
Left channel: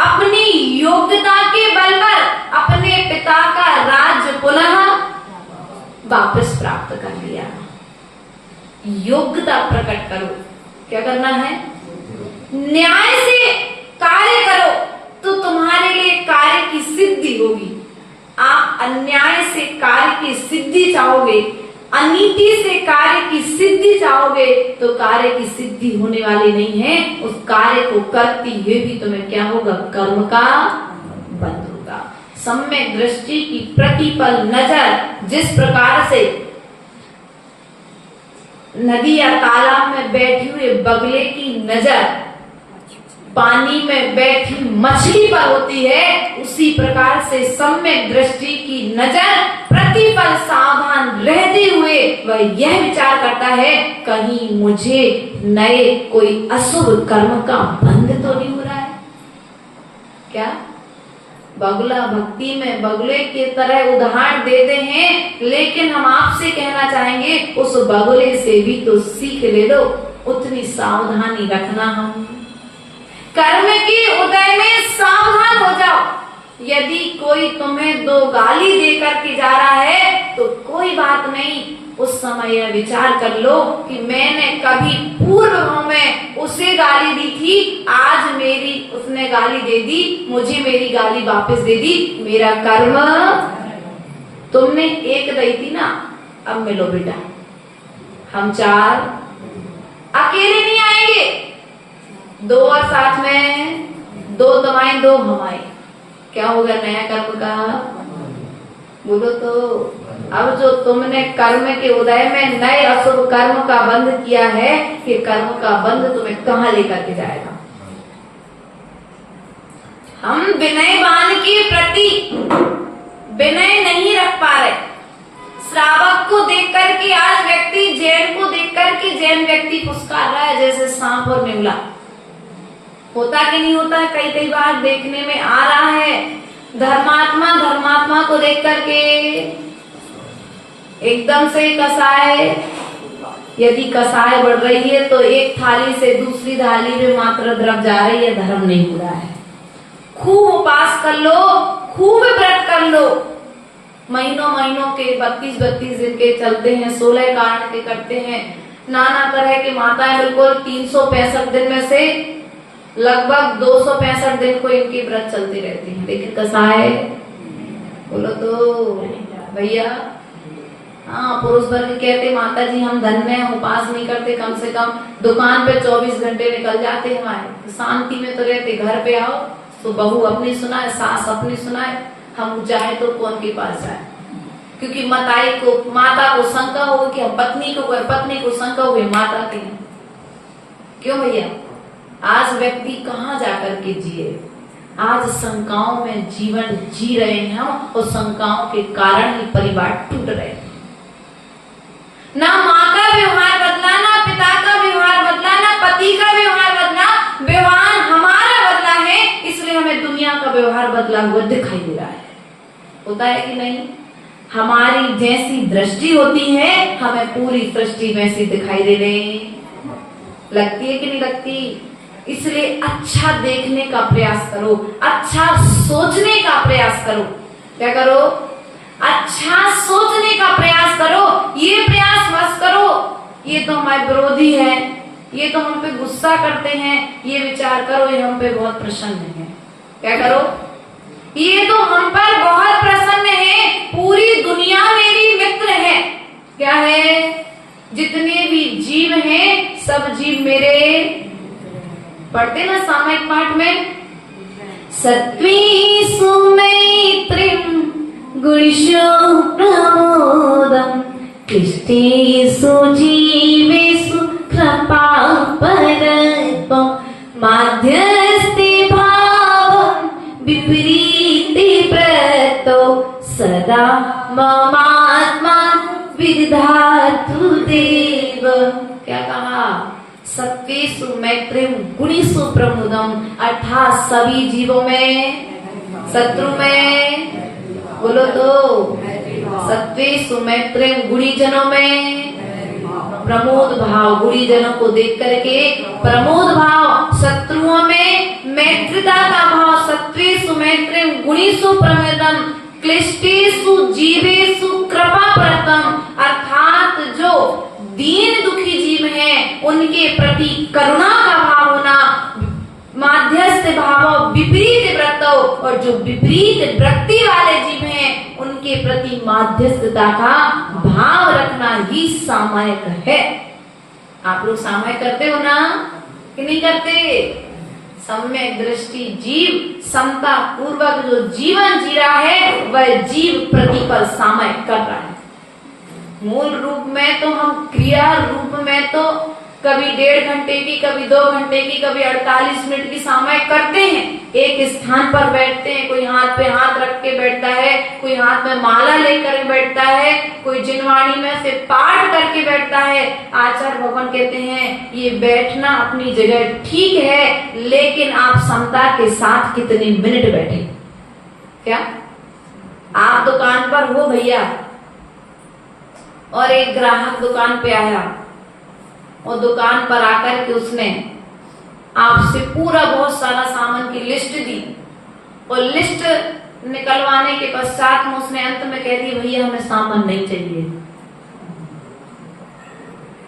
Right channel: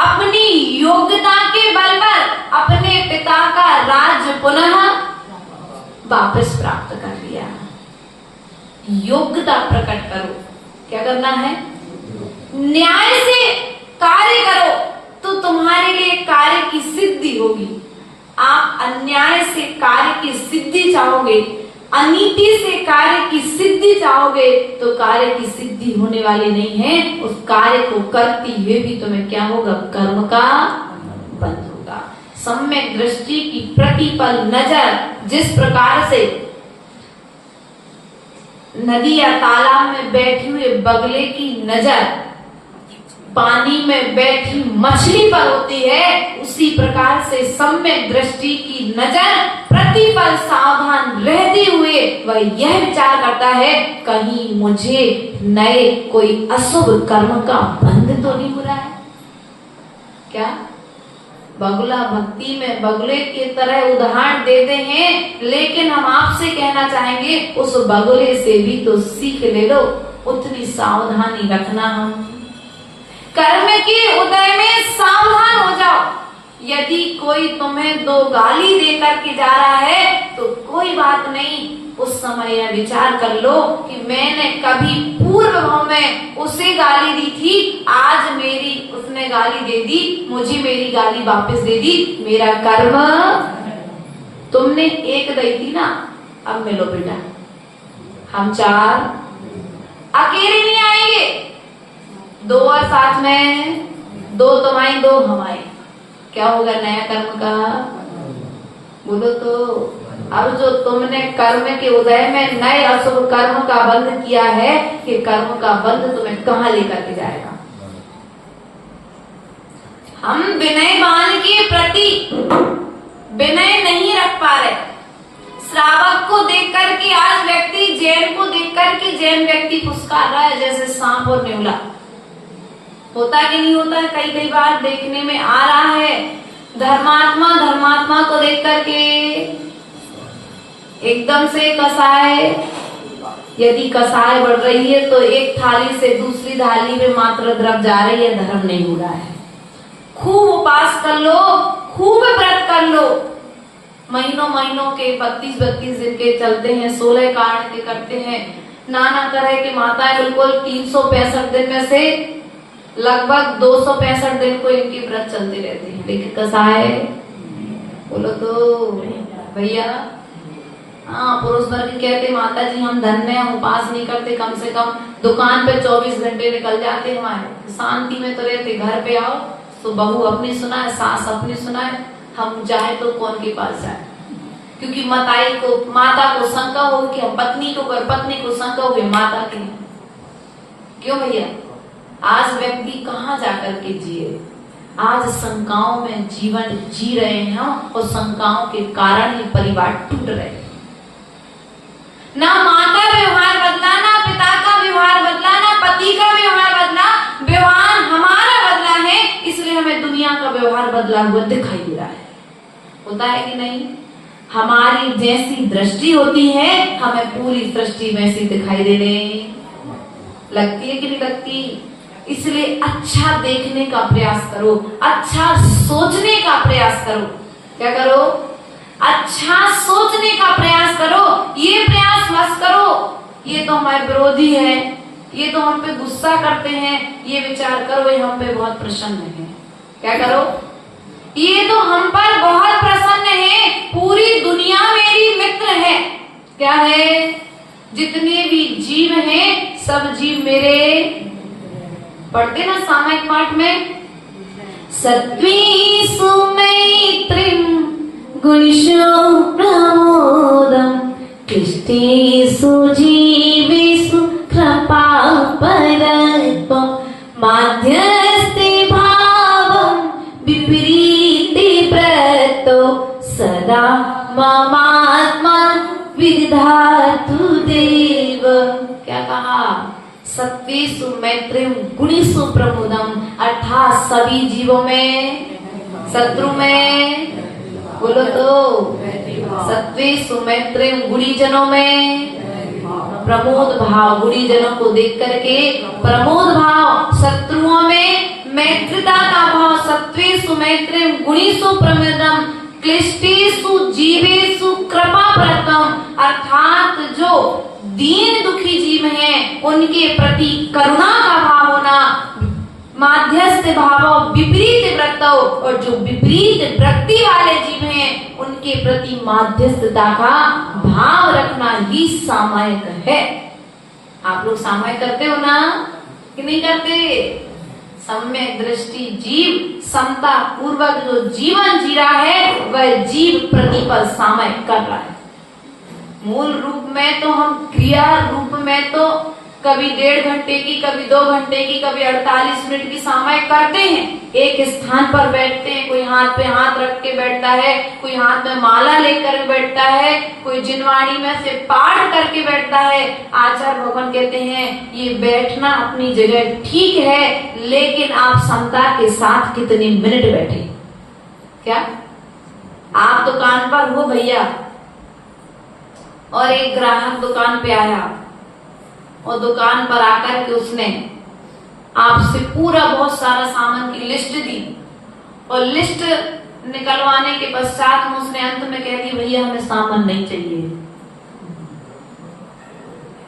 अपनी योग्यता के बल पर अपने पिता का राज्य पुनः वापस प्राप्त कर लिया। योग्यता प्रकट करो, क्या करना है? न्याय से कार्य करो तो तुम्हारे लिए कार्य की सिद्धि होगी। आप अन्याय से कार्य की सिद्धि चाहोगे, अनीति से कार्य की सिद्धि चाहोगे तो कार्य की सिद्धि होने वाली नहीं है। उस कार्य को करती हुए भी तुम्हें क्या होगा? कर्म का बंध होगा। सम्यक दृष्टि की प्रतिपल नजर, जिस प्रकार से नदी या तालाब में बैठे हुए बगले की नजर पानी में बैठी मछली पर होती है, उसी प्रकार से सम्यक दृष्टि की नजर प्रतिपल सावधान रहते हुए वह यह विचार करता है कहीं मुझे नए कोई अशुभ कर्म का बंध तो नहीं हो रहा है क्या? बगुला भक्ति में बगुले की तरह उदाहरण देते हैं, लेकिन हम आपसे कहना चाहेंगे उस बगुले से भी तो सीख ले लो, उतनी सावधानी रखना। हम कर्म के उदय में सावधान हो जाओ। यदि कोई तुम्हें दो गाली देकर के जा रहा है तो कोई बात नहीं, उस समय यह विचार कर लो कि मैंने कभी पूर्व में उसे गाली दी थी, आज मेरी उसने गाली दे दी, मुझे मेरी गाली वापस दे दी, मेरा कर्म तुमने एक दी थी ना, अब मिलो बेटा, हम चार अकेले नहीं आएंगे, दो और साथ में, दो तुम्हारी दो हमारी, क्या होगा नया कर्म का? बोलो तो। अब जो तुमने कर्म के उदय में नए अशुभ कर्म का बंध किया है, कि कर्म का बंध तुम्हें कहाँ लेकर के जाएगा? हम विनयवान के प्रति विनय नहीं रख पा रहे। श्रावक को देख करके आज व्यक्ति जैन को देख करके जैन व्यक्ति पुरस्कार रहा है जैसे सांप और नेवला। होता कि नहीं होता? कई कई बार देखने में आ रहा है। धर्मात्मा को देख करके एकदम से कसाय, यदि कसाय बढ़ रही है तो एक थाली से दूसरी थाली में मात्र द्रव जा रही है, धर्म नहीं हो रहा है। खूब उपास कर लो, खूब व्रत कर लो, महीनों के 32 दिन के चलते हैं, 16 कांड के करते हैं, नाना तरह के माताएं बिल्कुल 365 दिन में से लगभग 265 दिन को इनकी व्रत चलते रहते हैं, लेकिन कसाय बोलो तो भैया। हाँ, पुरुष वर्ग कहते माता जी हम धन्य, हम उपास नहीं करते, कम से कम दुकान पे 24 घंटे निकल जाते हमारे, शांति में तो रहते, घर पे आओ तो बहू अपनी सुनाए, सास अपनी सुनाए, हम चाहे तो कौन के पास जाए? क्योंकि माता को शंका होगी कि हम पत्नी को शंका होगी माता की। क्यों भैया? आज व्यक्ति कहाँ जाकर के जिए? आज शंकाओं में जीवन जी रहे हैं हम, और शंकाओं के कारण ही परिवार टूट रहे हैं। ना माँ का व्यवहार बदला, ना पिता का व्यवहार बदला, ना पति का व्यवहार बदला, व्यवहार हमारा बदला है, इसलिए हमें दुनिया का व्यवहार बदला हुआ दिखाई दे रहा है। होता है कि नहीं? हमारी जैसी दृष्टि होती है हमें पूरी सृष्टि वैसी दिखाई देने लगती है कि नहीं लगती? इसलिए अच्छा देखने का प्रयास करो, अच्छा सोचने का प्रयास करो। क्या करो? अच्छा सोचने का प्रयास करो। ये प्रयास मत करो ये तो हमारे विरोधी है, ये तो हम पे गुस्सा करते हैं, ये विचार करो ये हम पे बहुत प्रसन्न है। क्या करो? ये तो हम पर बहुत प्रसन्न है, पूरी दुनिया मेरी मित्र है। क्या है? जितने भी जीव हैं सब जीव मेरे, पढ़ते ना सामायिक पाठ में, सत्वीसु मैत्रीं गुणेषु प्रमोदम् क्लिष्टेषु जीवेषु कृपापरत्वम् माध्यम ममात्मा विधातु देव। क्या कहा? सत्वेषु मैत्रीम गुणेषु प्रमुदम, अर्थात सभी जीवों में शत्रु में, बोलो तो, सत्वेषु मैत्रीम गुणीजनों में प्रमोद भाव, गुणीजनों को देख करके प्रमोद भाव, शत्रुओं में मैत्रिता का भाव। सत्वेषु मैत्रीम गुणेषु प्रमुदम क्लिष्टेषु जीवेषु कृपा प्रदम, अर्थात जो दीन दुखी जीव हैं उनके प्रति करुणा का भाव होना, माध्यस्थ भाव विपरीत वृत्तों, और जो विपरीत वृत्ति वाले जीव हैं उनके प्रति माध्यस्थता का भाव रखना ही सामायिक है। आप लोग सामायिक करते हो ना कि नहीं करते? सम्यक दृष्टि जीव समता पूर्वक जो जीवन जी रहा है वह जीव प्रतिपल सामायिक कर रहा है। मूल रूप में तो हम क्रिया रूप में तो कभी 1.5 घंटे की, कभी 2 घंटे की, कभी 48 मिनट की सामायिक करते हैं। एक स्थान पर बैठते हैं, कोई हाथ पे हाथ रख के बैठता है, कोई हाथ में माला लेकर बैठता है, कोई जिनवाणी में से पाठ करके बैठता है। आचार्य भगवान कहते हैं ये बैठना अपनी जगह ठीक है, लेकिन आप समता के साथ कितने मिनट बैठे? क्या आप दुकान पर हो भैया और एक ग्राहक दुकान पे आया और दुकान पर आकर के उसने आपसे पूरा बहुत सारा सामान की लिस्ट दी, और लिस्ट निकलवाने के पश्चात में उसने अंत में कह दिया भैया हमें सामान नहीं चाहिए।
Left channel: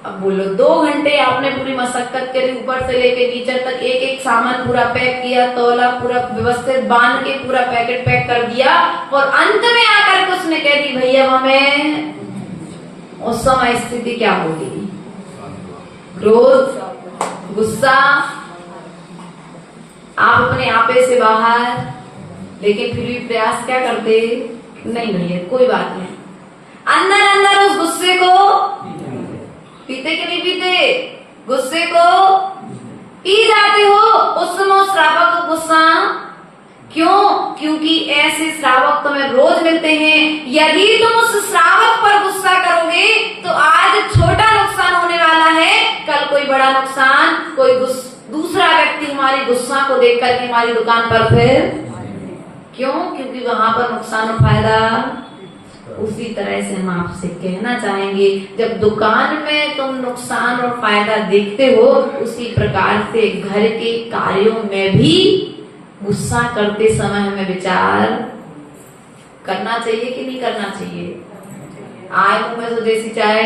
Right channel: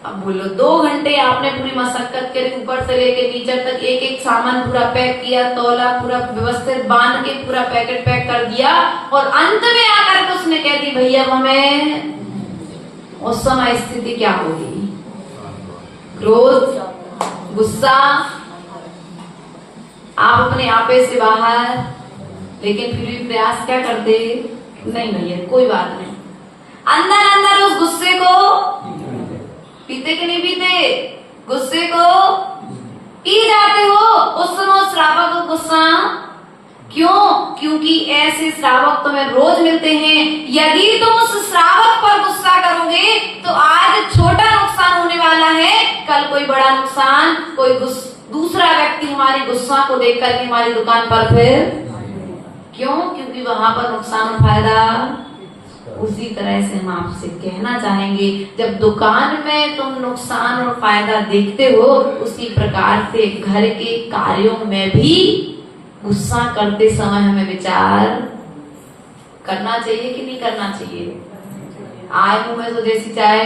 अब बोलो 2 घंटे आपने पूरी मशक्कत करी, ऊपर से लेके नीचे तक एक एक सामान पूरा पैक किया, तौला, पूरा व्यवस्थित बांध के पूरा पैकेट पैक कर दिया, और अंत में आकर के उसने कह दी भैया हमें, उस समय स्थिति क्या होगी? क्रोध, गुस्सा, आप अपने आपे से बाहर, लेकिन फिर भी प्रयास क्या करते? नहीं भैया कोई बात नहीं, अंदर अंदर उस गुस्से को पीते कि नहीं पीते? गुस्से को पी जाते हो। उस समय उस श्रावक को गुस्सा क्यों? क्योंकि ऐसे श्रावक तुम्हें रोज मिलते हैं। यदि तुम उस श्रावक पर गुस्सा करोगे तो आज छोटा नुकसान होने वाला है, कल कोई बड़ा नुकसान, कोई दूसरा व्यक्ति हमारी गुस्सा को देख करके हमारी दुकान पर फिर क्यों? क्योंकि वहां पर नुकसान और फायदा। उसी तरह से हम आपसे कहना चाहेंगे, जब दुकान में तुम नुकसान और फायदा देखते हो, उसी प्रकार से घर के कार्यों में भी गुस्सा करते समय हमें विचार करना चाहिए कि नहीं करना चाहिए? आए मुंह में तो देसी चाय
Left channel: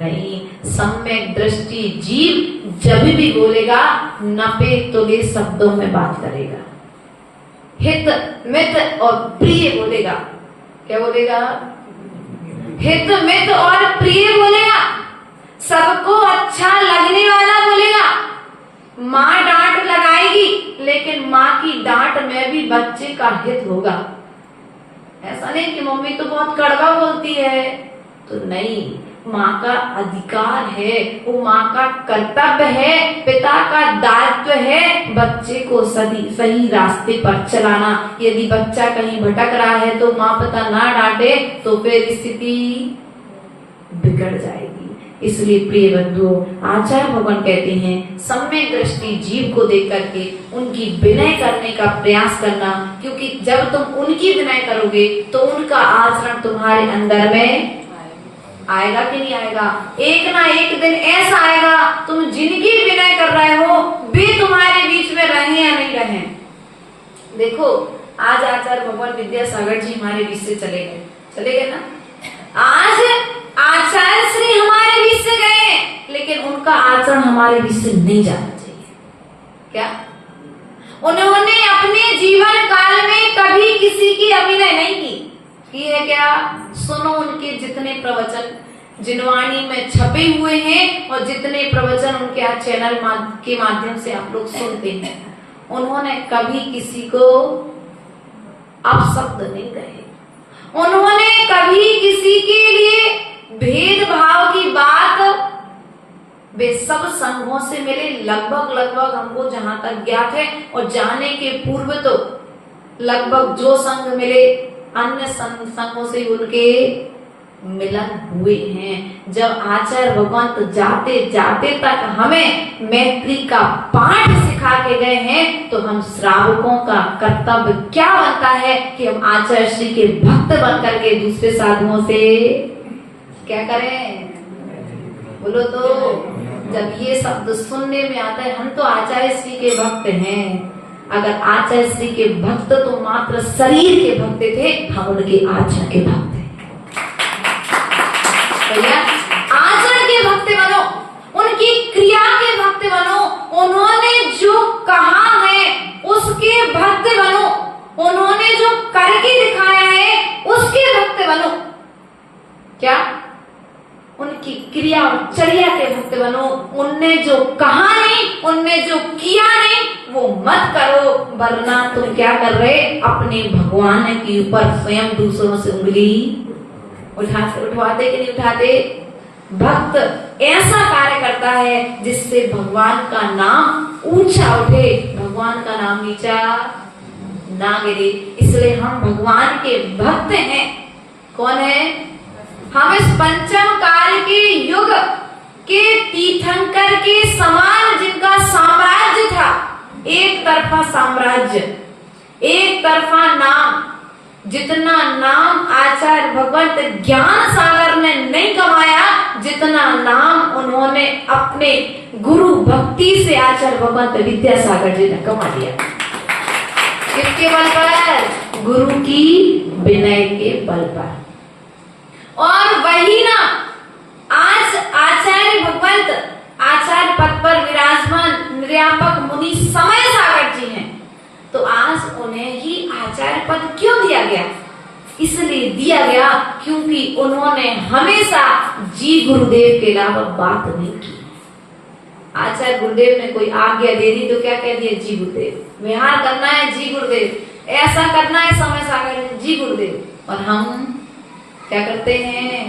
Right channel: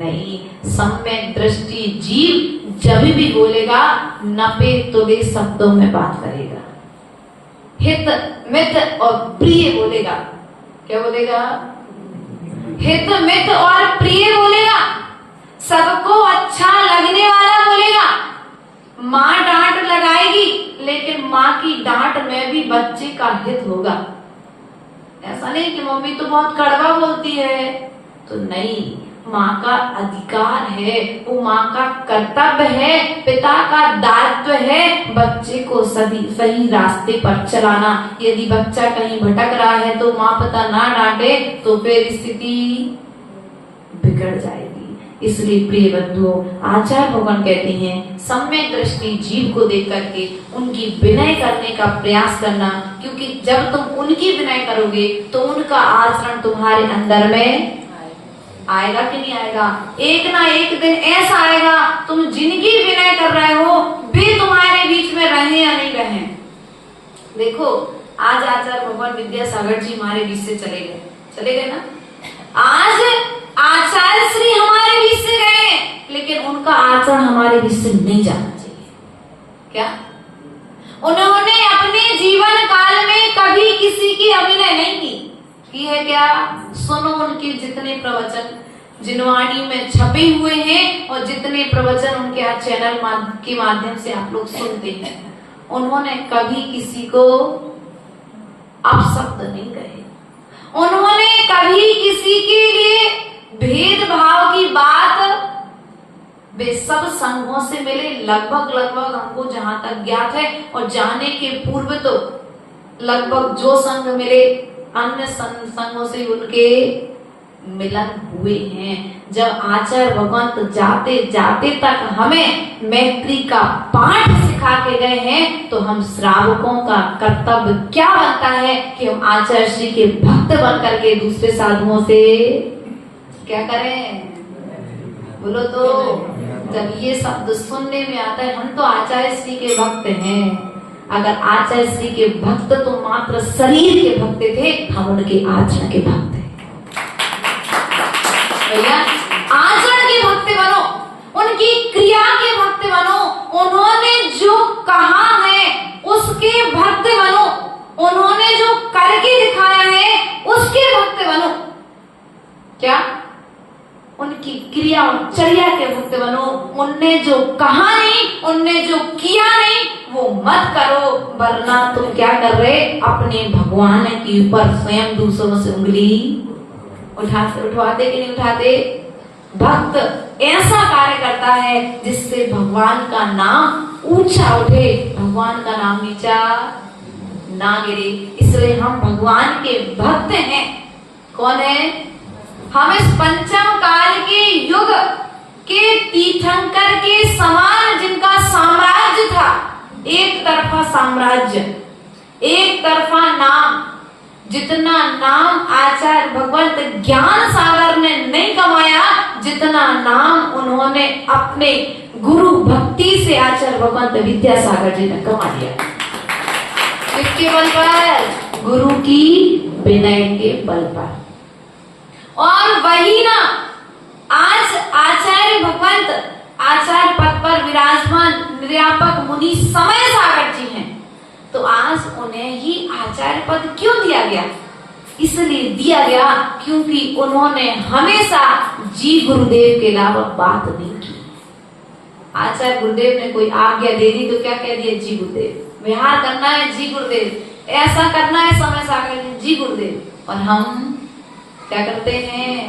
नहीं। सम्यक दृष्टि जीव जब भी बोलेगा नपे तुले शब्दों में बात करेगा, हित मित और प्रिय बोलेगा। क्या बोलेगा? हित मित और प्रिय बोलेगा, सबको अच्छा लगने वाला बोलेगा। माँ डांट लगाएगी लेकिन माँ की डांट में भी बच्चे का हित होगा। ऐसा नहीं कि मम्मी तो बहुत कड़वा बोलती है, तो नहीं, माँ का अधिकार है, वो माँ का कर्तव्य है, पिता का दायित्व है बच्चे को सही रास्ते पर चलाना। यदि बच्चा कहीं भटक रहा है तो माँ पिता ना डांटे तो फिर स्थिति बिगड़ जाएगी। इसलिए प्रिय बंधुओं, आचार्य भगवान कहते हैं सम्यक दृष्टि जीव को देख करके उनकी विनय करने का प्रयास करना, क्योंकि जब तुम उनकी विनय करोगे तो उनका आचरण तुम्हारे अंदर में आएगा कि नहीं आएगा? एक ना एक दिन ऐसा आएगा तुम जिनकी विनय कर रहे हो वे तुम्हारे बीच में रहे या नहीं रहे। देखो आज आचार्य भगवान विद्यासागर जी हमारे बीच से चले गए ना। आज आचार्य श्री हमारे बीच से गए, लेकिन उनका आचरण हमारे बीच से नहीं जाना चाहिए। क्या उन्होंने अपने जीवन काल में कभी किसी की अभिनय नहीं की है? क्या सुनो उनके जितने प्रवचन जिनवाणी में छपे हुए हैं और जितने प्रवचन उनके चैनल के माध्यम से आप लोग सुनते हैं, उन्होंने कभी किसी को अपशब्द नहीं कहे। उन्होंने कभी किसी के लिए भेदभाव की बात, वे सब संघों से मिले लगभग हमको जहां तक ज्ञात है, और जाने के पूर्व तो लगभग जो संघ मिले अन्य संगों से उनके मिलन हुए हैं। जब आचार्य भगवंत जाते जाते तक हमें मैत्री का पाठ सिखा के गए हैं, तो हम श्रावकों का कर्तव्य क्या बनता है कि हम आचार्य श्री के भक्त बन करके दूसरे साधुओं से क्या करें? बोलो तो। जब ये शब्द सुनने में आता है, हम तो आचार्य श्री के भक्त हैं। अगर आचार्य श्री के भक्त तो मात्र शरीर के भक्त थे, हम उनके आचरण के भक्त हैं। भैया आचरण के भक्त बनो, उनकी क्रिया के भक्त बनो, उन्होंने जो कहा है उसके भक्त बनो, उन्होंने जो करके दिखाया है उसके भक्त बनो। क्या? उनकी क्रिया और चर्या के भक्त बनो। उनने जो कहा नहीं, उनने जो किया नहीं, वो मत करो, वरना तुम क्या कर रहे? अपने भगवान के ऊपर स्वयं दूसरों से उंगली उठाते कि नहीं उठाते? भक्त ऐसा कार्य करता है जिससे भगवान का नाम ऊंचा उठे, भगवान का नाम नीचा ना गिरे। इसलिए हम भगवान के भक्त हैं। कौन है? हम इस पंचम काल के युग के तीर्थंकर के समान, जिनका साम्राज्य था, एक तरफा साम्राज्य, एक तरफा नाम। जितना नाम आचार्य भगवंत ज्ञान सागर ने नहीं कमाया, जितना नाम उन्होंने अपने गुरु भक्ति से आचार्य भगवंत विद्यासागर जी ने कमा लिया। किसके बल पर? गुरु की विनय के बल पर। और वही ना आज आचार्य भगवंत आचार्य पद पर विराजमान निर्यापक मुनि समय सागर जी हैं, तो आज उन्हें ही आचार्य पद क्यों दिया गया? इसलिए दिया गया क्योंकि उन्होंने हमेशा जी गुरुदेव के अलावा बात नहीं की। आचार्य गुरुदेव ने कोई आज्ञा दे दी तो क्या कह दिया? जी गुरुदेव। विहार करना है, जी गुरुदेव। ऐसा करना है, समय सागर जी गुरुदेव। और हम क्या करते हैं?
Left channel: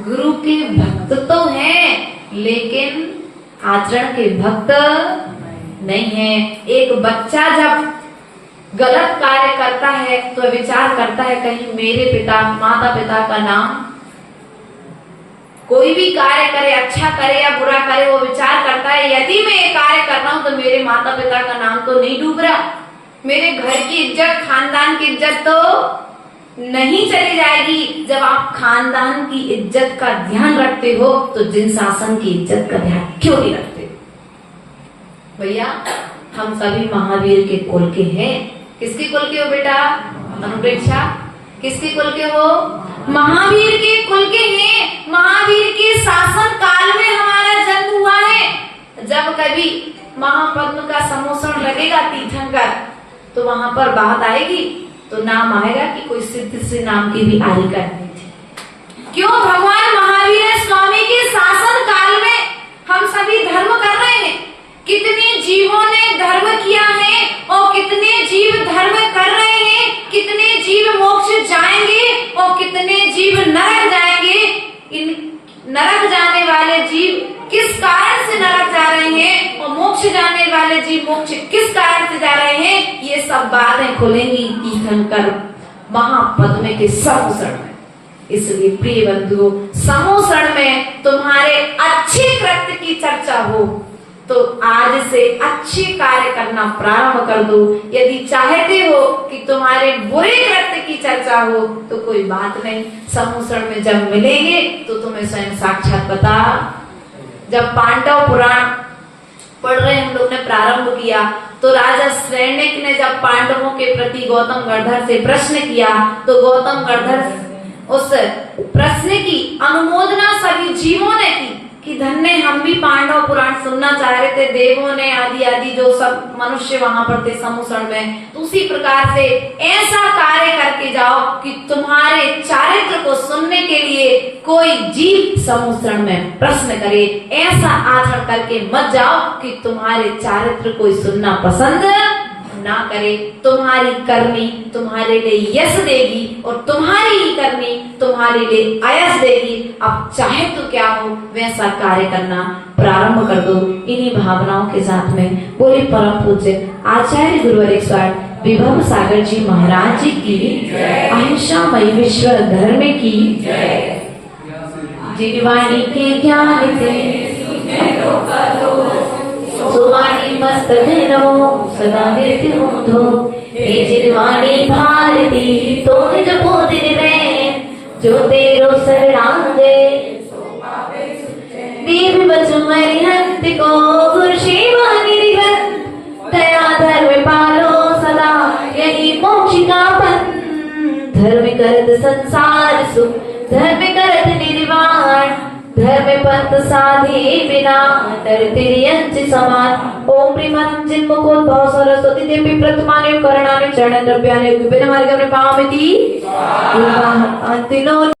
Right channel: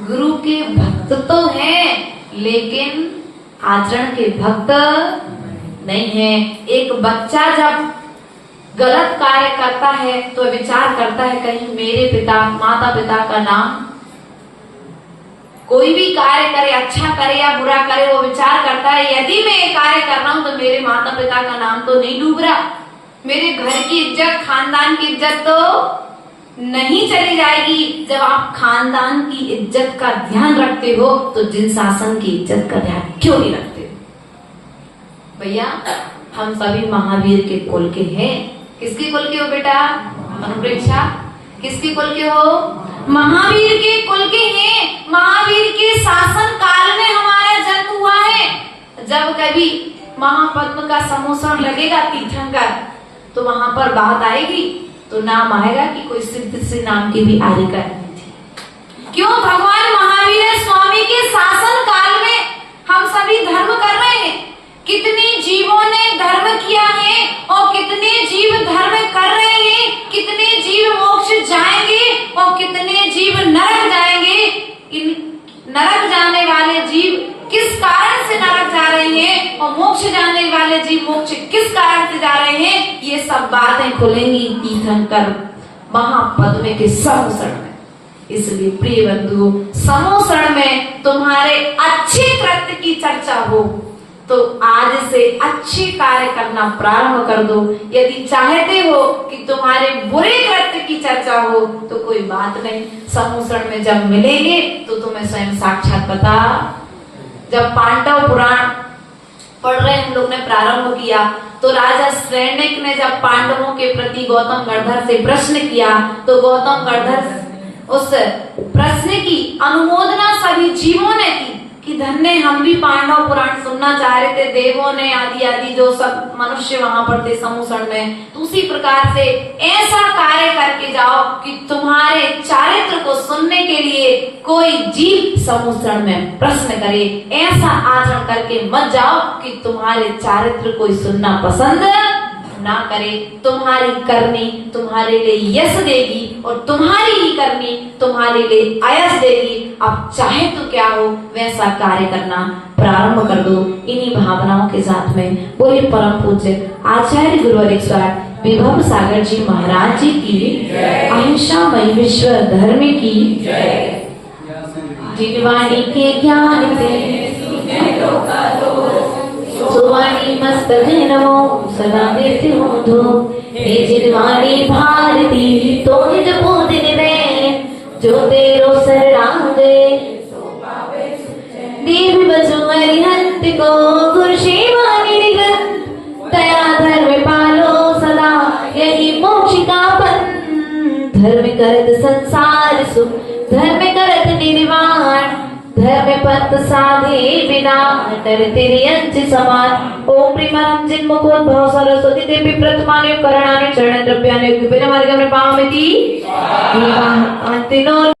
गुरु के भक्त तो हैं, लेकिन आचरण के भक्त नहीं है। एक बच्चा जब गलत कार्य करता है तो विचार करता है कहीं मेरे पिता माता पिता का नाम, कोई भी कार्य करे, अच्छा करे या बुरा करे, वो विचार करता है यदि मैं ये कार्य कर रहा हूं तो मेरे माता पिता का नाम तो नहीं डूब रहा, मेरे घर की इज्जत, खानदान की इज्जत तो नहीं चली जाएगी। जब आप खानदान की इज्जत का ध्यान रखते हो तो जिन शासन की इज्जत का ध्यान क्यों नहीं रखते? भैया हम सभी महावीर के कुल के हैं। किसके कुल के हो बेटा? अनुप्रेक्षा। किसके कुल के हो? महावीर के कुल के हैं। महावीर के शासन काल में हमारा जन्म हुआ है। जब कभी महापद्म का समूषण लगेगा तीर्थंकर, तो वहां पर बात आएगी तो नाम आएगा कि कोई सिद्ध से नाम की भी आदि करनी थी। क्यों? भगवान महावीर स्वामी के शासन काल में हम सभी धर्म कर रहे हैं। कितने जीवों ने धर्म किया है और कितने जीव धर्म कर रहे हैं, कितने जीव मोक्ष जाएंगे और कितने जीव नरक जाएंगे। इन नरक जाने वाले जीव किस कारण से नरक जा रहे हैं और मोक्ष जाने वाले जीव मोक्ष किस कारण से जा रहे हैं, ये सब बातें खुलेंगी तीर्थंकर महापद्म के समूषण में। इसलिए प्रिय बंधुओं, समूषण में तुम्हारे अच्छे कृत्य की चर्चा हो तो आज से अच्छे कार्य करना प्रारंभ कर दो। यदि चाहते हो कि तुम्हारे बुरे कृत्य की चर्चा हो तो कोई बात नहीं, समूषण में जब मिलेंगे तो तुम्हें स्वयं साक्षात पता। जब पांडव पुराण पढ़ रहे हम लोग ने प्रारंभ किया तो राजा श्रेणिक ने जब पांडवों के प्रति गौतम गणधर से प्रश्न किया तो गौतम गणधर उस प्रश्न की अनुमोदना सभी जीवों ने की कि धन्य हम भी पांडव पुराण सुनना चाह रहे थे, देवों ने आदि आदि जो सब मनुष्य वहां पर थे समूषण में, तो उसी प्रकार से ऐसा कार्य करके जाओ कि तुम्हारे चारित्र को सुनने के लिए कोई जीव समूषण में प्रश्न करे। ऐसा आचरण करके मत जाओ कि तुम्हारे चारित्र कोई सुनना पसंद ना करे। तुम्हारी करनी तुम्हारे लिए यश देगी और तुम्हारी ही करनी तुम्हारे लिए आयस देगी। अब चाहे तो क्या हो वैसा कार्य करना प्रारंभ कर दो। इन्हीं भावनाओं के साथ में बोले परम पूज्य आचार्य गुरुवर विभव सागर जी महाराज जी की, आयुष्यामय विश्व धर्म की, जिनवाणी के ज्ञान से सुवाणी मस्त धरो सदा नित्य होधो। हे जिनवाणी भारती तो निज बोधिन में, जो तेरो शरणांगे देव बचु अरिहंत को, गुरु सेवा निधिगत दया धर्म पालो सदा, यही मोक्ष का पथ। धर्म करत संसार सुख, धर्म करत निर्वाण, धर्म पंथ साधे बिना नर तेरे अंश समान। ओम प्रेमानंद जिन्मुखोद्भव सरस्वती देवी प्रथमानि करणानि चरण द्रव्यानि विभिन्न मार्ग में पावती।